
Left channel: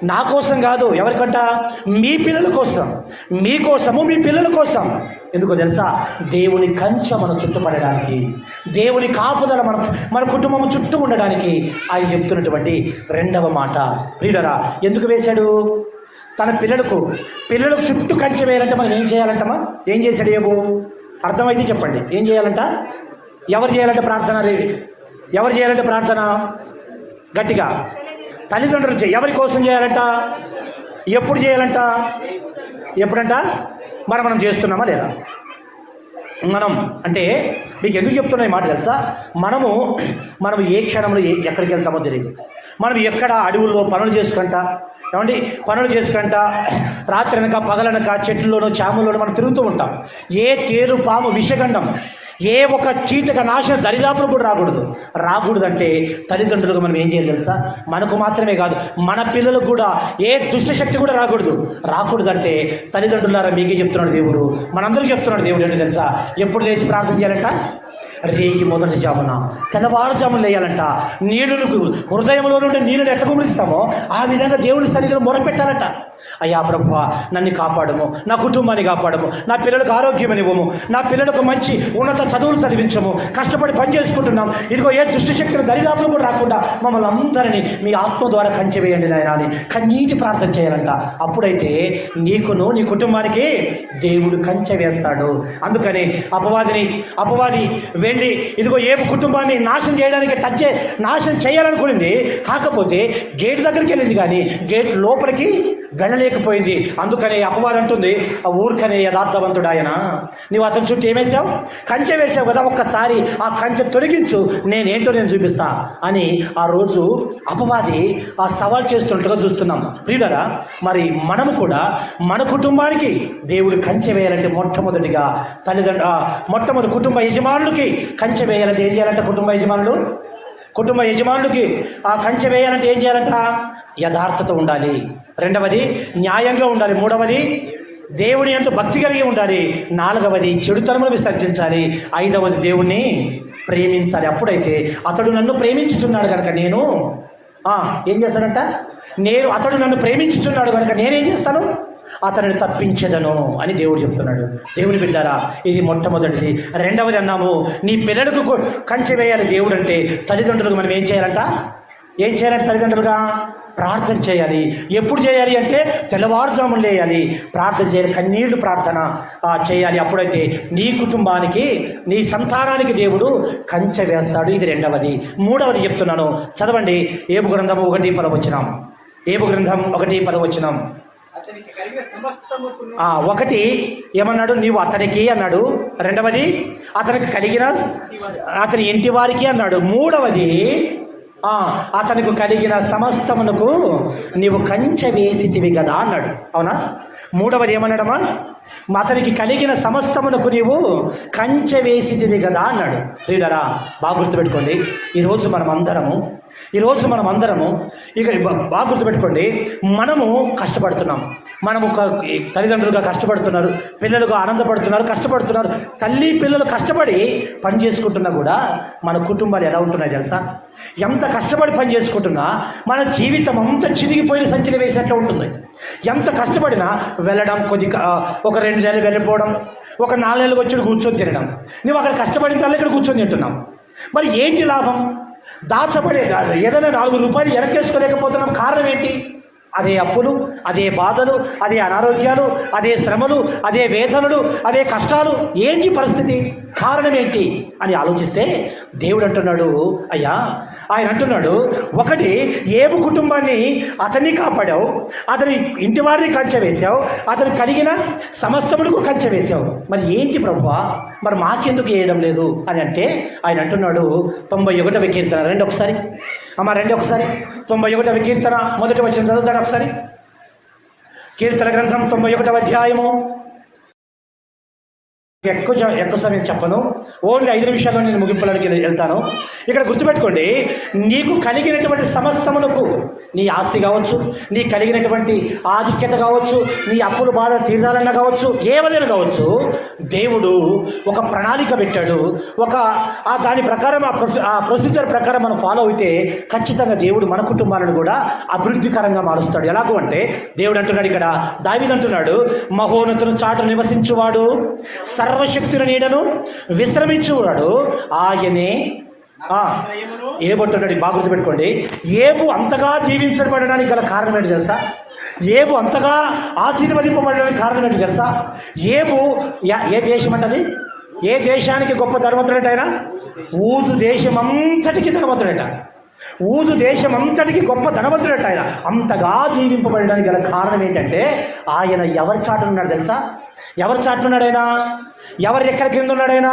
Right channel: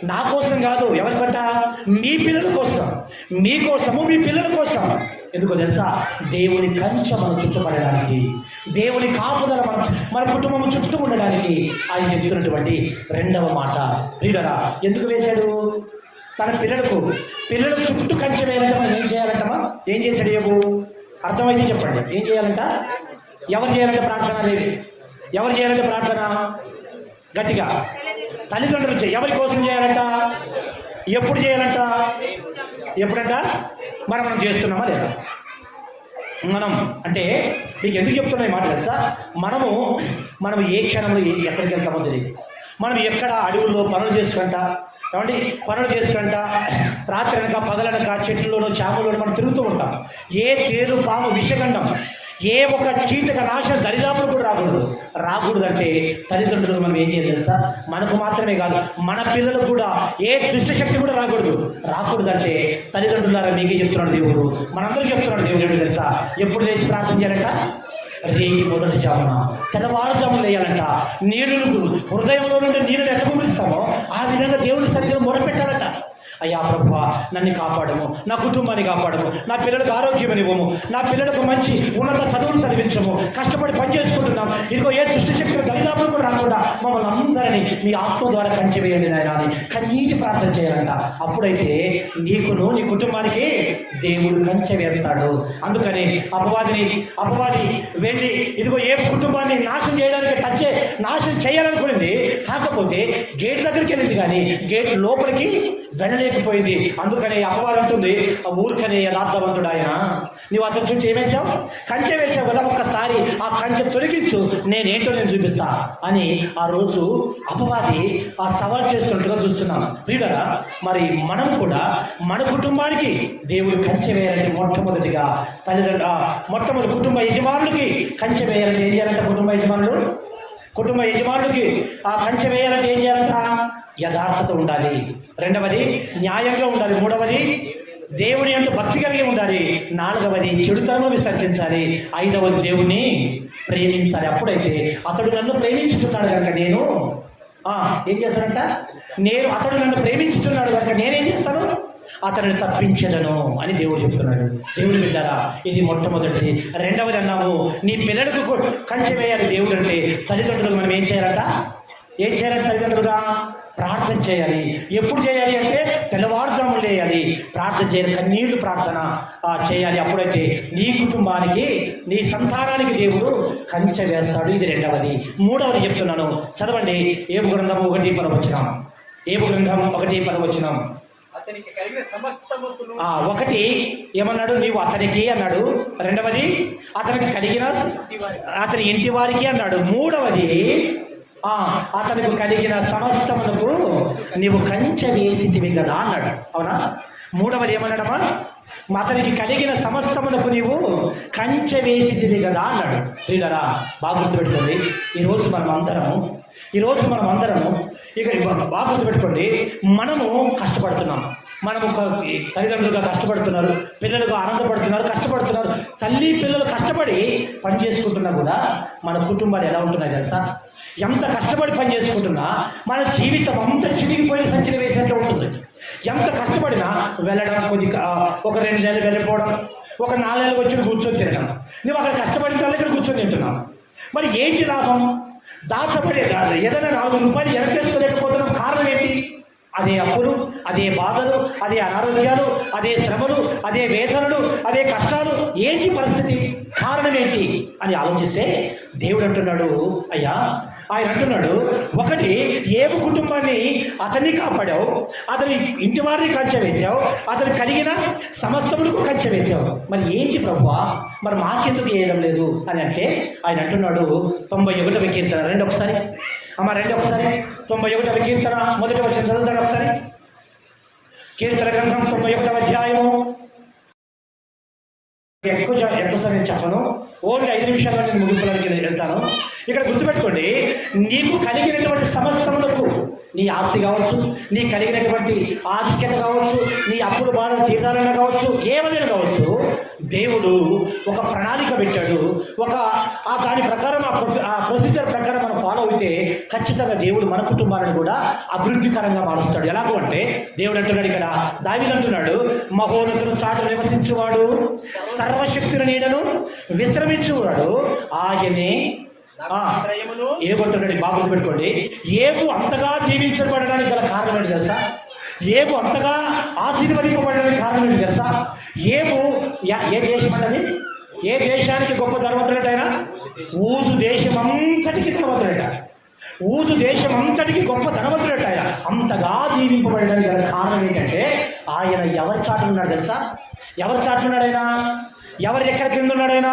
నా కోసం కాదు. ఎవరికంట? మీ పిల్లల కోసం, మీకోసము, మీ పిల్లల కోసం. ఎందుకో తెలుసా? దేవుని కంచె మనం చుట్టుపడడానికి, దేవుని కాపుదల మన కుటుంబం చుట్టూ ఉండడానికి ఆయన చెప్తున్నటువంటి 2వ మాట. ప్రియులరా, ఎందుకు వేశాడు? తన పిల్లలకు చుట్టూ కంచె వేయాలంటే మనం ఏం చేయాలంటమా? ఏం చేశాడు ఏబు? అర్థమైతే చెప్పండి. ఏం చేయాలంట? ఎవరు చేయాలంటే ప్రార్థన? ఎవరు చేయాలంటే ప్రార్థన? గట్టిగా తల్లిదండ్రులు ఎవరి కోసం చేయాలంట? ఎప్పుడు చేయాలంట? ఎప్పుడంట? మనం చేస్తున్నామా లేదా? మనం అంటే మీకు ఎందుకు చెప్తున్నా ఈ మాట తెలుసా? మనము ఏ క్షణంలో ఎక్కడికి వెళ్తామో తెలియదు. మనం ఎక్కడ అడవుల్లో పనులు చేసుకుంటా, ఏమండి, పనులు చేసుకుంటా రాత్రి అనక పగలనక చెట్లలోనో చాముల్లోనో మనం తిరుగుతూ ఉంటాం. ఏ తేలు పాము విషగండం ఏ ఒక కీటక నాశన దరిదాపులు కూడా రాకూడదంటే తల్లిదండ్రులకు మనం ఏం చేయాలి తెలుసా? మనకు మాత్రమే కాదు, మన పిల్లలకు కూడా ఏ దుష్టశక్తి కూడా రాకూడదంటే తల్లిదండ్రులారా మీకే చెప్తున్నాడు దేవుడు, మనందరూ చెప్తున్నాడు దేవుడు. ఏంటి తెలుసా? ఎప్పుడు లేచి ప్రార్థన చేయాలంట? రేయి మొదటి జామున, తెల్లవారుజామున లేయాలంట. నీళ్ళకు హృదయంలో నుండి నీళ్ళని ఎట్లా కుమరిస్తామో ఆ విధంగా దేవుడి సన్నిధిలో మొరపెట్టాలంట. అయ్యా ప్రభువా, నన్ను కాపాడము, నా కుటుంబాన్ని కాపాడము, నా పిల్లలకు ఆరోగ్యం ఇవ్వము, నా పిల్లలకు మంచి ఉన్నత చదువులు చదివించము, కష్టపడి పని చేసుకుంటున్నాం, ఇదిగో ఏ దుష్టశక్తులు దరిదాపులు కూడా రాకుండా మమ్మల్ని అందరినీ మీ ఆత్మ ద్వారా కంచె వేయండి నాయన అని కన్నీటి ప్రార్థన చేయాలంట. అప్పుడైతే నీకును నీ కుటుంబానికి దేవుడు కంచె వేస్తాడు. అందుకని అపవాది వెళ్ళి ఇదిగో ఏ కుటుంబాన్ని నాశనం చేయడానికి నాశనం చేయాలనుకునింది, కాకపోతే గేట్ దగ్గరికి వెళ్ళింది కానీ గేట్ లోపలికి వెళ్ళలేకపోయింది. అందుకని అపవాది అంటుంది, ఆ ఊరికనే యథార్థవంతుడు ఆయన, నీవు అతని చుట్టూ ఏమేసావు? కంచె వేసావు కదా, ఒక్కసారి ఆ కంచె తొలగించు, నేనేంటో నేను చూపిస్తా అని ఆ రోజు అపవాది ఆ సవాల్ చేస్తున్నట్టుగా చూస్తున్నాం. ప్రియులారా, మరి మనము కూడా మన కుటుంబానికి దేవుడు కంచె వేయాలంటే మొట్టమొదటి కుటుంబ యజమానులకి కంచె వేయాలంటే ఏం చేయాలంట? కుటుంబ యజమానులకి ఆ కంచె వేయాలంటే ఏం చేయాలంట? యథార్థత ఉండాలి. రెండవది న్యాయంగా ఉండాలి. మూడవది దేవుని యందు భక్తి కలిగి ఉండాలి. నాలుగవది చెడుతనమును విసర్జించాలి. ఐదవది దేవుణ్ణి ప్రేమించాలి. అప్పుడైతే అతడు నన్ను ప్రేమించుచున్నాడు కనుక నేను ఏం చేస్తానంట? అతడు నన్ను ప్రేమించుచున్నాడు కనుక నేనేం చేస్తాను? అతనిని తప్పించదను అని దేవుడు చెప్తున్నాడు. దేవుని బిడ్డారా, ఇది మొట్టమొదటిది. రెండవది అన్నాము, నీ పిల్లలకు కంచె వేయాలి దేవుడు అంటే తల్లిదండ్రులకు మనం ఏం చేయాలంట? తల్లిదండ్రులుగా ప్రార్థన చేయాలి. ఎప్పుడు చేయాలి అంటే తెల్లవారుజామున లేయాలి, ప్రార్థన చేయాలి, కన్నీళ్లు ప్రార్థన చేయాలి. అప్పుడైతే నీ కుటుంబానికి నీ సంతానానికి దేవుడు కంచె వేస్తాడు. ఇది రెండవది. మూడవది చెప్తున్నాను, చదవండి. ఏబు గ్రంథం 1:10. ఏబు గ్రంథం 1:10. ఒకటి ఏమన్నాడు? నీవు అతనికి అన్నాడు. రెండవది అతనికి కలిగిన అతని ఇంటి వారికి అన్నాడు. మూడవది అతనికి కలిగిన సమస్తములకు నీవు కంచె వేసితివి కదా అన్నాడు. అవునా? మూడవది ఏమన్నాడమ్మా? అతనికి కలిగిన సమస్తమునకు నీవు కంచె వేసితివి కదా అన్నాడు. ప్రియులారా, బాగా గుర్తుపెట్టుకోండి. ఈరోజు మనం అందరము ఇక బాగా గుర్తుపెట్టుకోండి, మనము కష్టపడుతున్నాం. మనము తల్లిదండ్రులుగా కష్టపడుతున్నారు, పిల్లలుగా ఆనందపడుతున్నారు, కష్టపడుతున్నారు. తల్లి పిల్లలు కష్టపడి పని చేసుకుంటున్నా కూడా మన కుటుంబాలు ఎలా ఉంటున్నాయి తెలుసా? ఎంత కష్టపడి పని చేసుకుంటున్నా మన జీవితం అంతా చిరిగిపోయిన సంచిలో వేసినట్టు ఉంటుంది. ఎంత కష్టపడినా వెళ్ళడం, ఒక 2 నెలలు వెళ్ళిపోవడం, ఒక 4 నెలలకు వచ్చి కూర్చొని తినడం. నువ్వు అక్కడ కష్టపడిన తల్లి ఇక్కడ కూర్చొని తింటున్నావు. మరి ఏంటి లాభం? దాచబడే ఏదైనా 4 రూపాయలు ఎరకేసుకోలేకపోతున్నాం. కారణం ఏంటి? అదే అప్పులు, అదే బాధలు, అదే అనారోగ్యాలు, అదే శ్రమలు, అదే వేదనలు, అదే కష్టాలు. ఏంటి పరిస్థితి? కారణం ఏంటి అని ఆలోచిస్తే దేవుడు అంటున్నాడు, ఆయన అంటున్నాడు, ఒకటి ఏబు కుటుంబాన్ని అతన్ని కాపాడావు, అతని ఇంటి వారిని కంచె వేశావు, అతను కలిగిన సమస్తములకు కంచె వేశావు. మరి ఏంటి ప్రభువా, మరి మాకెందుకు వేయడం లేదు అని అంటే ఆయన అంటున్నాడు, 91వ కీర్తన రండి ఒకసారి. 91వ కీర్తన మొదటి వచనం చదువుతాను ఒకసారి. కీర్తన గ్రంథం 91వ అధ్యాయము. ఎక్కువ సమయం చెప్పను, ఓన్లీ 5 నిమిషాల్లో నేను ముగింపులోకి వెళ్తాను. ఇక్కడ గుర్తుపెట్టుకోండి, నీకు కలిగినటువంటి సమస్తములకు, నీ ఆస్తి కావచ్చు, నీ కలిగినటువంటి ఆధిక్యత కావచ్చు, నీ అప్పులు బాధ తీరాలన్నా కావచ్చు, ఏవైనా కావచ్చు, దేవుడు ఒక ప్రణాళిక పెట్టాడు. దాని ప్రకారం ఆ ప్రొసీజర్ ప్రకారం మనం ఫాలో అయితే ఖచ్చితంగా దేవుడు మన కుటుంబాలను కూడా అభివృద్ధికరంగా మారుస్తాడు. ఎలాగో అంటే దేవుడు అంటున్నాడు, ఇక్కడ దావీదు అంటున్నాడు, మహోన్నతుని చాటు నివసించువాడు, సర్వశక్తుల నీడను విశ్రమించువాడు ఆయనే. ఏమంటున్నాడు? బాగా గుర్తుపెట్టుకోండి, ఏబు అంతగా దీవించబడడానికి గల కారణం ఏంటి తెలుసా? ఏబు అంతగా ఆశీర్వదింపబడడానికి కారణం ఏంటి తెలుసా? ఏబు ఏ దేశం అంటది? ఏ దేశానికి గొప్ప ధనవంతుడట ఆయన? ఊజు దేశం అంతటికి ధనవంతుడట. ఊదు దేశం అంతటికి గొప్ప ధనవంతుడట ఆయన. అంతగా దీవింపబడడానికి గల కారణం ఏంటంటే ఆయన ఎవరి చాటున ఉన్నాడు తెలుసా? ఎవరి చాటున ఉన్నాడు ఆయన? ఎవరి ఎక్కడ కింద ఉన్నాడు ఆయన?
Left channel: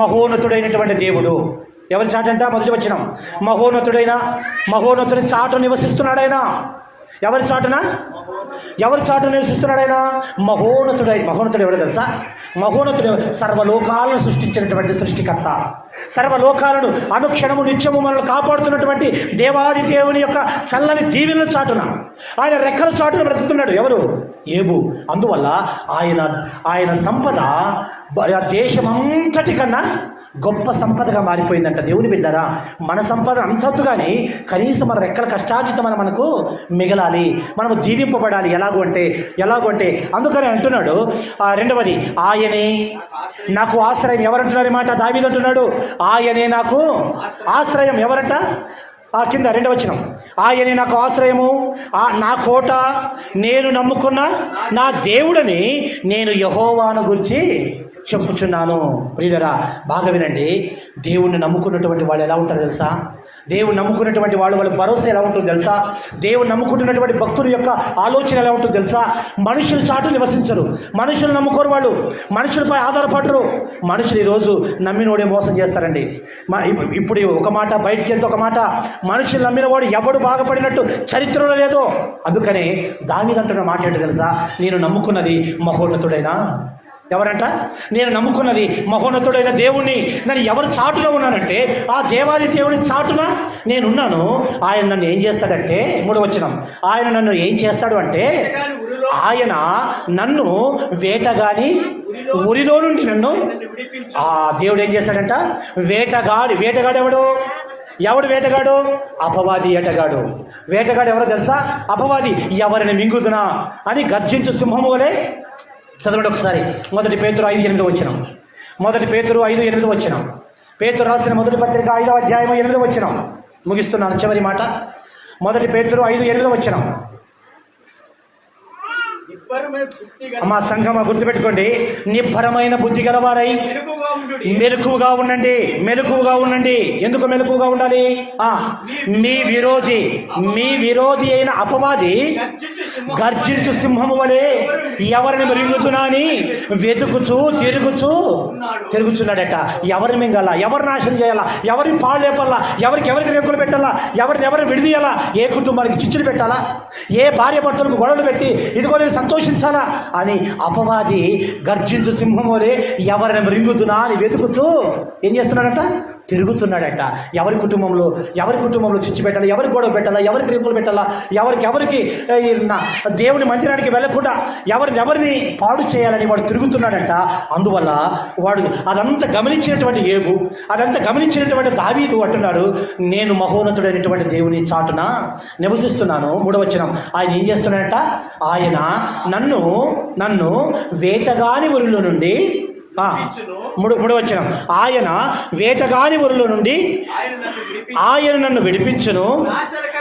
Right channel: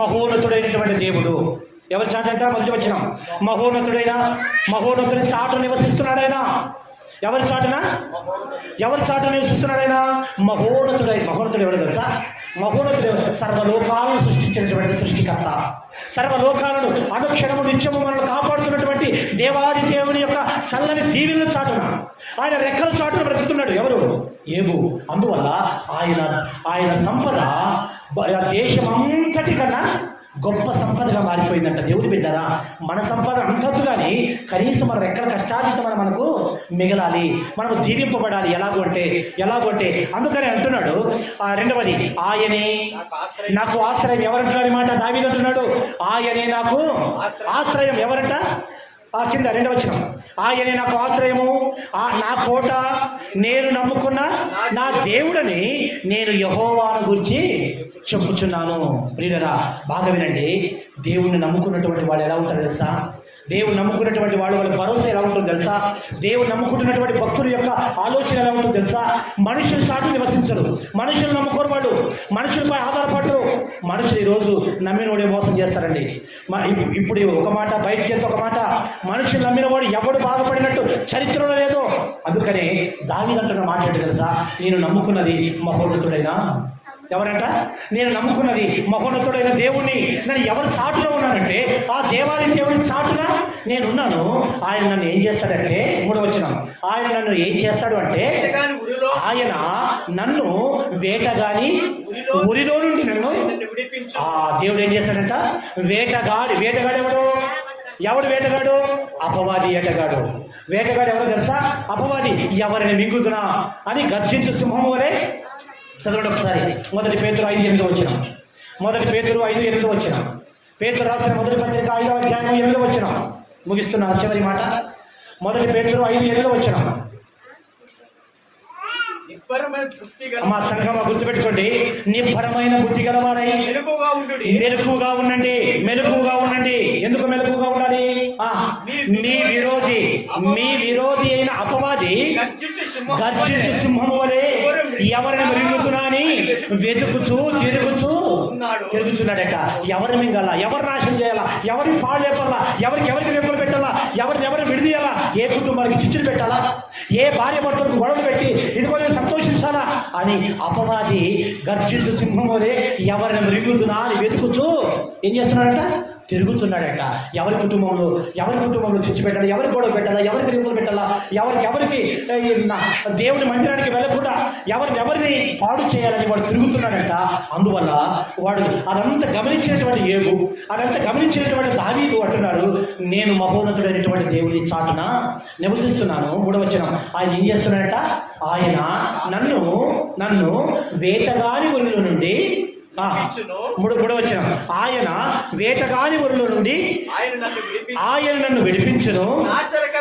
మహోన్నతుడైనటువంటి దేవుడు. ఎవరి చాటంట? మొదటి వచనం. మహోన్నతుడి చాటు నివసిస్తున్నాడు ఆయన. ఎవరి చాటున? ఎవరి చాటు నివసిస్తున్నాడు ఆయన? మహోన్నతుడు ఎవరు తెలుసా? మహోన్నతుడు సర్వలోకాలను సృష్టించినటువంటి సృష్టికర్త. సర్వలోకాలను అనుక్షణము నిత్యము మనల్ని కాపాడుతున్నటువంటి దేవాది దేవుని యొక్క చల్లని దీవెనల చాటున, ఆయన రెక్కల చాటున బ్రతుకుతున్నాడు. ఎవరు? ఏబు. అందువల్ల ఆయన సంపద దేశమంతటి కన్నా గొప్ప సంపదగా మారిపోయిందంట. దేవుని బిడ్డారా, మన సంపద అంతద్దు కానీ కనీసం మన రెక్కల కష్టార్జితం మనకు మిగలాలి, మనము దీవింపబడాలి. ఎలాగో అంటే అందుకని అంటున్నాడు రెండవది, ఆయనే నాకు ఆశ్రయం. ఎవరంటున్నాడు ఈ మాట? దావీదు అంటున్నాడు, ఆయనే నాకు ఆశ్రయం. ఎవరంట? కింద రెండవ వచనం, ఆయనే నాకు ఆశ్రయము, నా కోట, నేను నమ్ముకున్న నా దేవుడని నేను యెహోవాను గురించి చెప్పుచున్నాను. ప్రియులారా, బాగా వినండి. దేవుణ్ణి నమ్ముకున్నటువంటి వాళ్ళు ఎలా ఉంటారు తెలుసా? దేవుని నమ్ముకున్నటువంటి వాళ్ళ భరోసా ఎలా ఉంటుందో తెలుసా? దేవుని నమ్ముకుంటున్నటువంటి భక్తుల యొక్క ఆలోచన ఎలా ఉంటుందో తెలుసా? మనుషుల చాటు నివసించరు, మనుషులు నమ్ముకోరు, వాళ్ళు మనుషులపై ఆధారపడరు. మనుషులు ఈరోజు నమ్మినోడే మోసం చేస్తారండి. ఇప్పుడు ఒక మాట, బయటికి వెళ్తే ఒక మాట. మనుషులు నమ్మినవాడు ఎవడు బాగుపడినట్టు చరిత్రలో లేదో. అందుకనే దావీదు అంటున్న మాట ఏంటో తెలుసా? నేను నమ్ముకున్నది మహోన్నతుడైనా. ఎవరంట? నేను నమ్ముకున్నది మహోన్నతుడైన దేవుణ్ణి. నేను ఎవరి చాటులో ఉన్నానంటే ఆ దేవాది దేవుని చాటున నేనున్నాను. ఆయన నన్ను ఏం చేస్తాడంటే, మూడవ వచనం, ఆయన నన్ను ఏం చేస్తాడు అంటే, ఆయన నన్ను వేటగాని ఉరిలో నుండి నన్ను దేవుడు ఏం చేస్తాడంట? వేటగాడు ఎవడు వేటగాడు? అపవాది వేటగాడు. వేటగాడు ఎవరో తెలుసా? అపవాది. ఎవరిని మింగుదునా అని గర్జించు సింహము వలె. చదవండి ఒకసారి. మొదటి పేతురు 5:8 వచనం. మొదటి పేతురు 5:8 వచనం. పేతురు రాసిన మొదటి పత్రిక 5వ అధ్యాయం 8వ వచనం. ముగిస్తున్నాను, చివరి మాట. మొదటి పేతురు 5:8 వచనం. మా సంఘమా, గుర్తుపెట్టుకోండి, నిబ్బరమైన బుద్ధి గలవారై మెలకువగా ఉండండి. ఎందుకు మెలకువగా ఉండాలి? మీ విరోధి అయిన అపవాది గర్జించు సింహము వలె ఎవరిని మృంగుతున్నా అని తిరుగుచున్నాడట. ఎవరిని మింగాల, ఎవరు నాశనం చేయాలా, ఎవరిని పాడు లేపాలా, ఎవరికి రెక్కులు పెట్టాలా, ఎవరిని విడిదీయాలా, ఏ కుటుంబానికి చిచ్చులు పెట్టాలా, ఏ భార్య భర్తలకు గొడవలు పెట్టి ఇదిగో సంతోషించాలా అని అపవాది గర్జించు సింహం వలె ఎవరిని మృంగుతున్నా అని వెతుకుచూ ఏం చేస్తున్నాడట? తిరుగుతున్నాడట. ఎవరి కుటుంబంలో చిచ్చు పెట్టాలా, ఎవరికి గొడవ పెట్టాలా, ఎవరికి రింపులు పెట్టాలా, ఎవరికి దేవుని మందిరానికి వెళ్ళకుండా ఎవరిని పాడు చేయాలని వాడు తిరుగుతున్నాడట. అందువల్ల వాడు అదంతా గమనించినటువంటి ఏబు, అదంతా గమనించినటువంటి దావీదు అంటున్నాడు, నేను మహోన్నతుడైనటువంటి దేవుని చాటున నివసిస్తున్నాను. మూడవ వచనం, ఆయన ఏం చేస్తున్నాడట? ఆయన నన్ను వేటగాని ఊరిలో నుండి మూడవ వచనం, ఆయన వేటగాని ఊరిలో నుండి ఆయన నన్ను విడిపించును.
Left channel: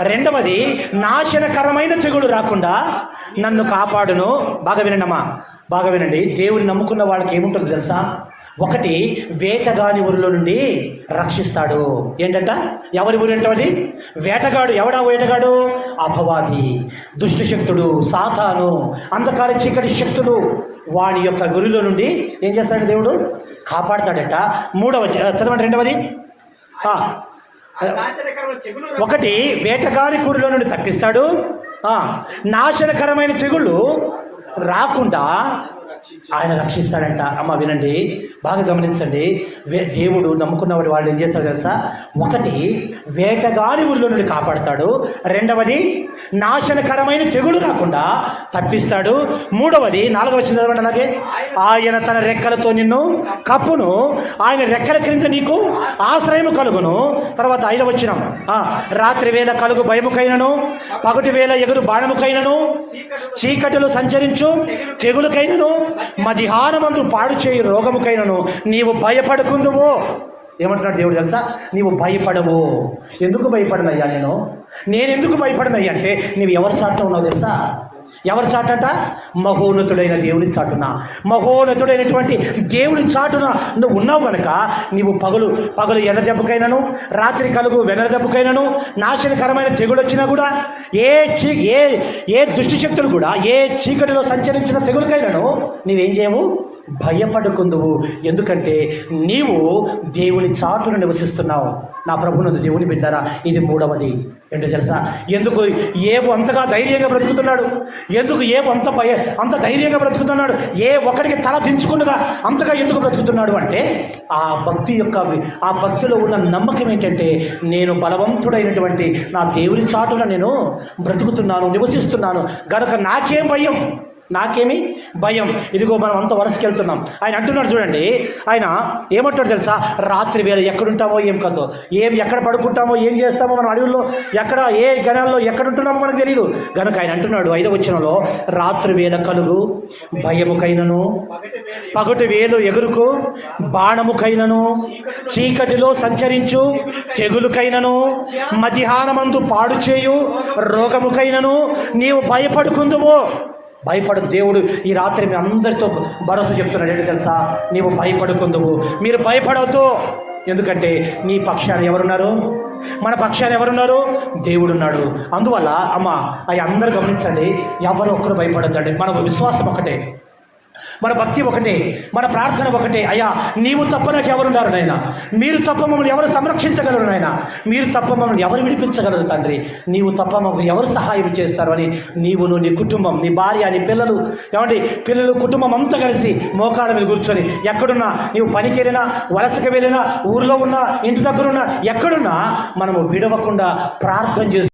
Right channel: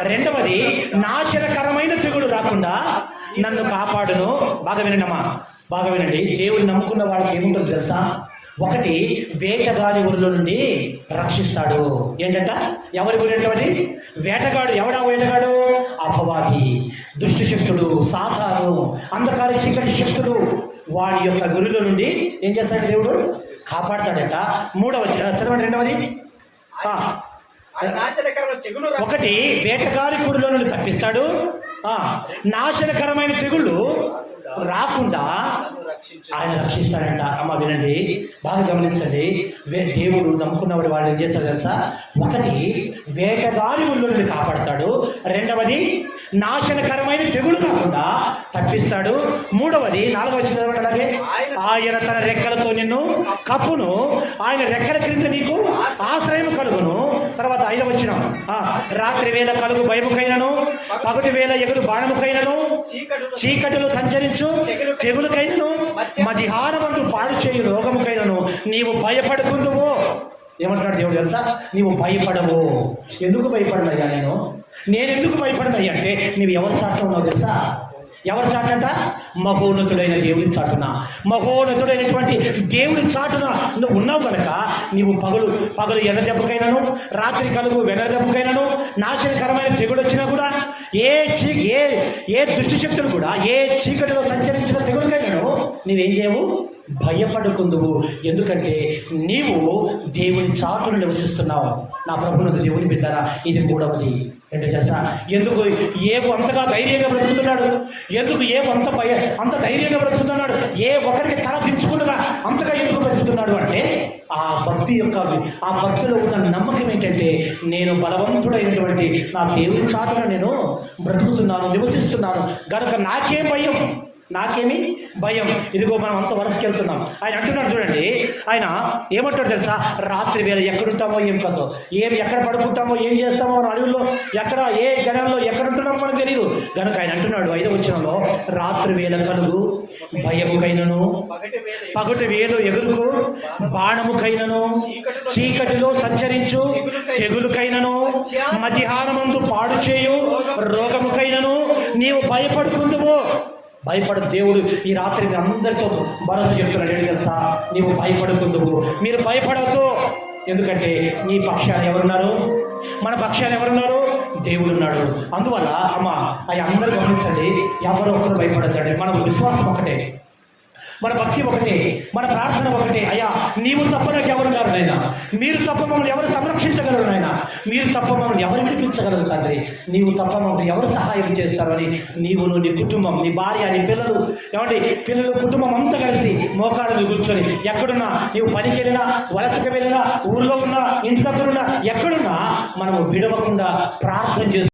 రెండవది, నాశనకరమైన తెగులు రాకుండా నన్ను కాపాడును. బాగా వినండి. దేవుని నమ్ముకున్న వాళ్ళకి ఏముంటుందో తెలుసా? ఒకటి, వేటగాని ఊరిలో నుండి రక్షిస్తాడు. ఏంటంట? ఎవరి ఊరు ఏంటది? వేటగాడు. ఎవడా వేటగాడు? అపవాది, దుష్ట శక్తుడు, సాతాను, అంధకార చీకటి శక్తుడు. వాడి యొక్క గురిలో నుండి ఏం చేస్తాడు? దేవుడు కాపాడతాడట. చదవండి రెండవది. ఒకటి, వేటగాని ఊరిలో నుండి తప్పిస్తాడు. నాశనకరమైన తెగుళ్ళు రాకుండా ఆయన రక్షిస్తాడంట. అమ్మ వినండి, బాగా గమనించండి. దేవుడు నమ్ముకున్నవాడు వాళ్ళు ఏం చేస్తాడు తెలుసా? ఒకటి, వేటగాని ఊళ్ళో నుండి కాపాడతాడు. రెండవది, నాశనకరమైన తెగులు రాకుండా తప్పిస్తాడు. మూడవది, 4వ వచనం అలాగే, ఆయన తన రెక్కలతో నిన్ను కప్పును, ఆయన రెక్కల క్రింద నీకు ఆశ్రయం కలుగును. తర్వాత 5వ వచనం, రాత్రి వేళ కలుగు భయముకైనను, పగటి వేళ ఎగురు బాణముకైనను, చీకటిలో సంచరించు తెగులుకైనను, మధ్యాహ్నమందు పాడు చేయు రోగముకైనను నీవు భయపడుకుందువో. ఏమంటున్నాడు దేవుడు తెలుసా? నీవు భయపడవు. ఎందుకు భయపడనయ్యా? నేను ఎందుకు భయపడనయ్యా అంటే, నీవు ఎవరి చాటులో ఉన్నావు తెలుసా? ఎవరి చాటట? మహోన్నతుడైన దేవుని చాటున. మహోన్నతుడైనటువంటి దేవుని చాటున నువ్వు ఉన్నావు కనుక నీవు పగలు ఎండ దెబ్బకైనను, రాత్రి కలుగు వెనల దెబ్బకైనను, నాశనకరమైన తెగులు వచ్చినా కూడా, ఏ దుష్టి శక్తులు కూడా ఏ చీకటిలో సంచరించిన తెగులకైనను నీవేం చేయవు? భయపడుకుందువు. ఎందుకంటే నీవు దేవుని చాటును నివసిస్తున్నావు. నా ప్రభునందు దేవుని బిడ్డారా, ఇది మూడవది. ఏంటో తెలుసా? ఎందుకు ఏవు అంతగా ధైర్యంగా బ్రతుకుతున్నాడు? ఎందుకు ఏవు అంత ధైర్యంగా బ్రతుకుతున్నాడు? ఏ ఒక్కడికి తల దించుకుండగా అంతగా ఎందుకు బ్రతుకుతున్నాడు అంటే, ఆ భక్తిలో ఉన్న నమ్మకం ఏంటంటే, నేను బలవంతుడైనటువంటి నా దేవుని చాటున నేను బ్రతుకుతున్నాను, నివసిస్తున్నాను గనక నాకేమి భయం. ఇదిగో మనం అంత వరుసకి వెళ్తున్నాం. ఆయన అంటున్నాడు చూడండి, ఆయన ఏమంటాడు తెలుసా? రాత్రి వేళ ఎక్కడుంటామో ఏం కదో, ఎక్కడ పడుకుంటామో ఏం చేస్తామో, మనం అడవుల్లో ఎక్కడ ఏ గణాల్లో ఎక్కడ ఉంటున్నామో మనకు తెలియదు. కనుక ఆయన అంటున్నాడు 5వ వచనంలో, రాత్రి వేళ కలుగు భయముకైనను, పగటి వేలు ఎగురుకు బాణముకైనను, చీకటిలో సంచరించు తెగులుకైనను, మధ్యాహ్నమందు పాడు చేయు రోగముకైనను నీవు భయపడుకుందువో. భయపడు. దేవుడు ఈ రాత్రి మీ అందరితో భరోసా చెప్తున్నాడు. ఏంటి తెలుసా? నీవు భయపడుకుందువు, మీరు భయపడవద్దు. ఎందుకంటే నీ పక్షాన ఎవరున్నారు? మన పక్షాన ఎవరున్నారు? దేవుడున్నాడు. అందువల్ల అమ్మ అవి అందరూ గమనించండి, ఎవరో ఒక్కరు భయపడద్దండి. మన విశ్వాసం ఒకటే, మన భక్తి ఒకటే, మన ప్రార్థన ఒకటే. అయ్యా, నీవు తప్ప నాకు ఎవరున్నారు నాయన? మీరు తప్ప మమ్మల్ని ఎవరు సంరక్షించగలరు నాయన? మీరు తప్ప మమ్మల్ని ఎవరు విడిపించగలరు తండ్రి? నీవు తప్ప మమ్మల్ని ఎవరు సహాయం చేస్తారు అని నీవును, నీ కుటుంబం, నీ భార్య, నీ పిల్లలు కుటుంబం అంతా కలిసి మోకాళ్ళ మీద కూర్చొని, ఎక్కడున్నా, నీవు పనికి వెళ్ళినా, వలసకి వెళ్ళినా, ఊర్లో ఉన్నా, ఇంటి దగ్గర ఉన్నా, ఎక్కడున్నా మనము విడవకుండా ప్రార్థన చేస్తూ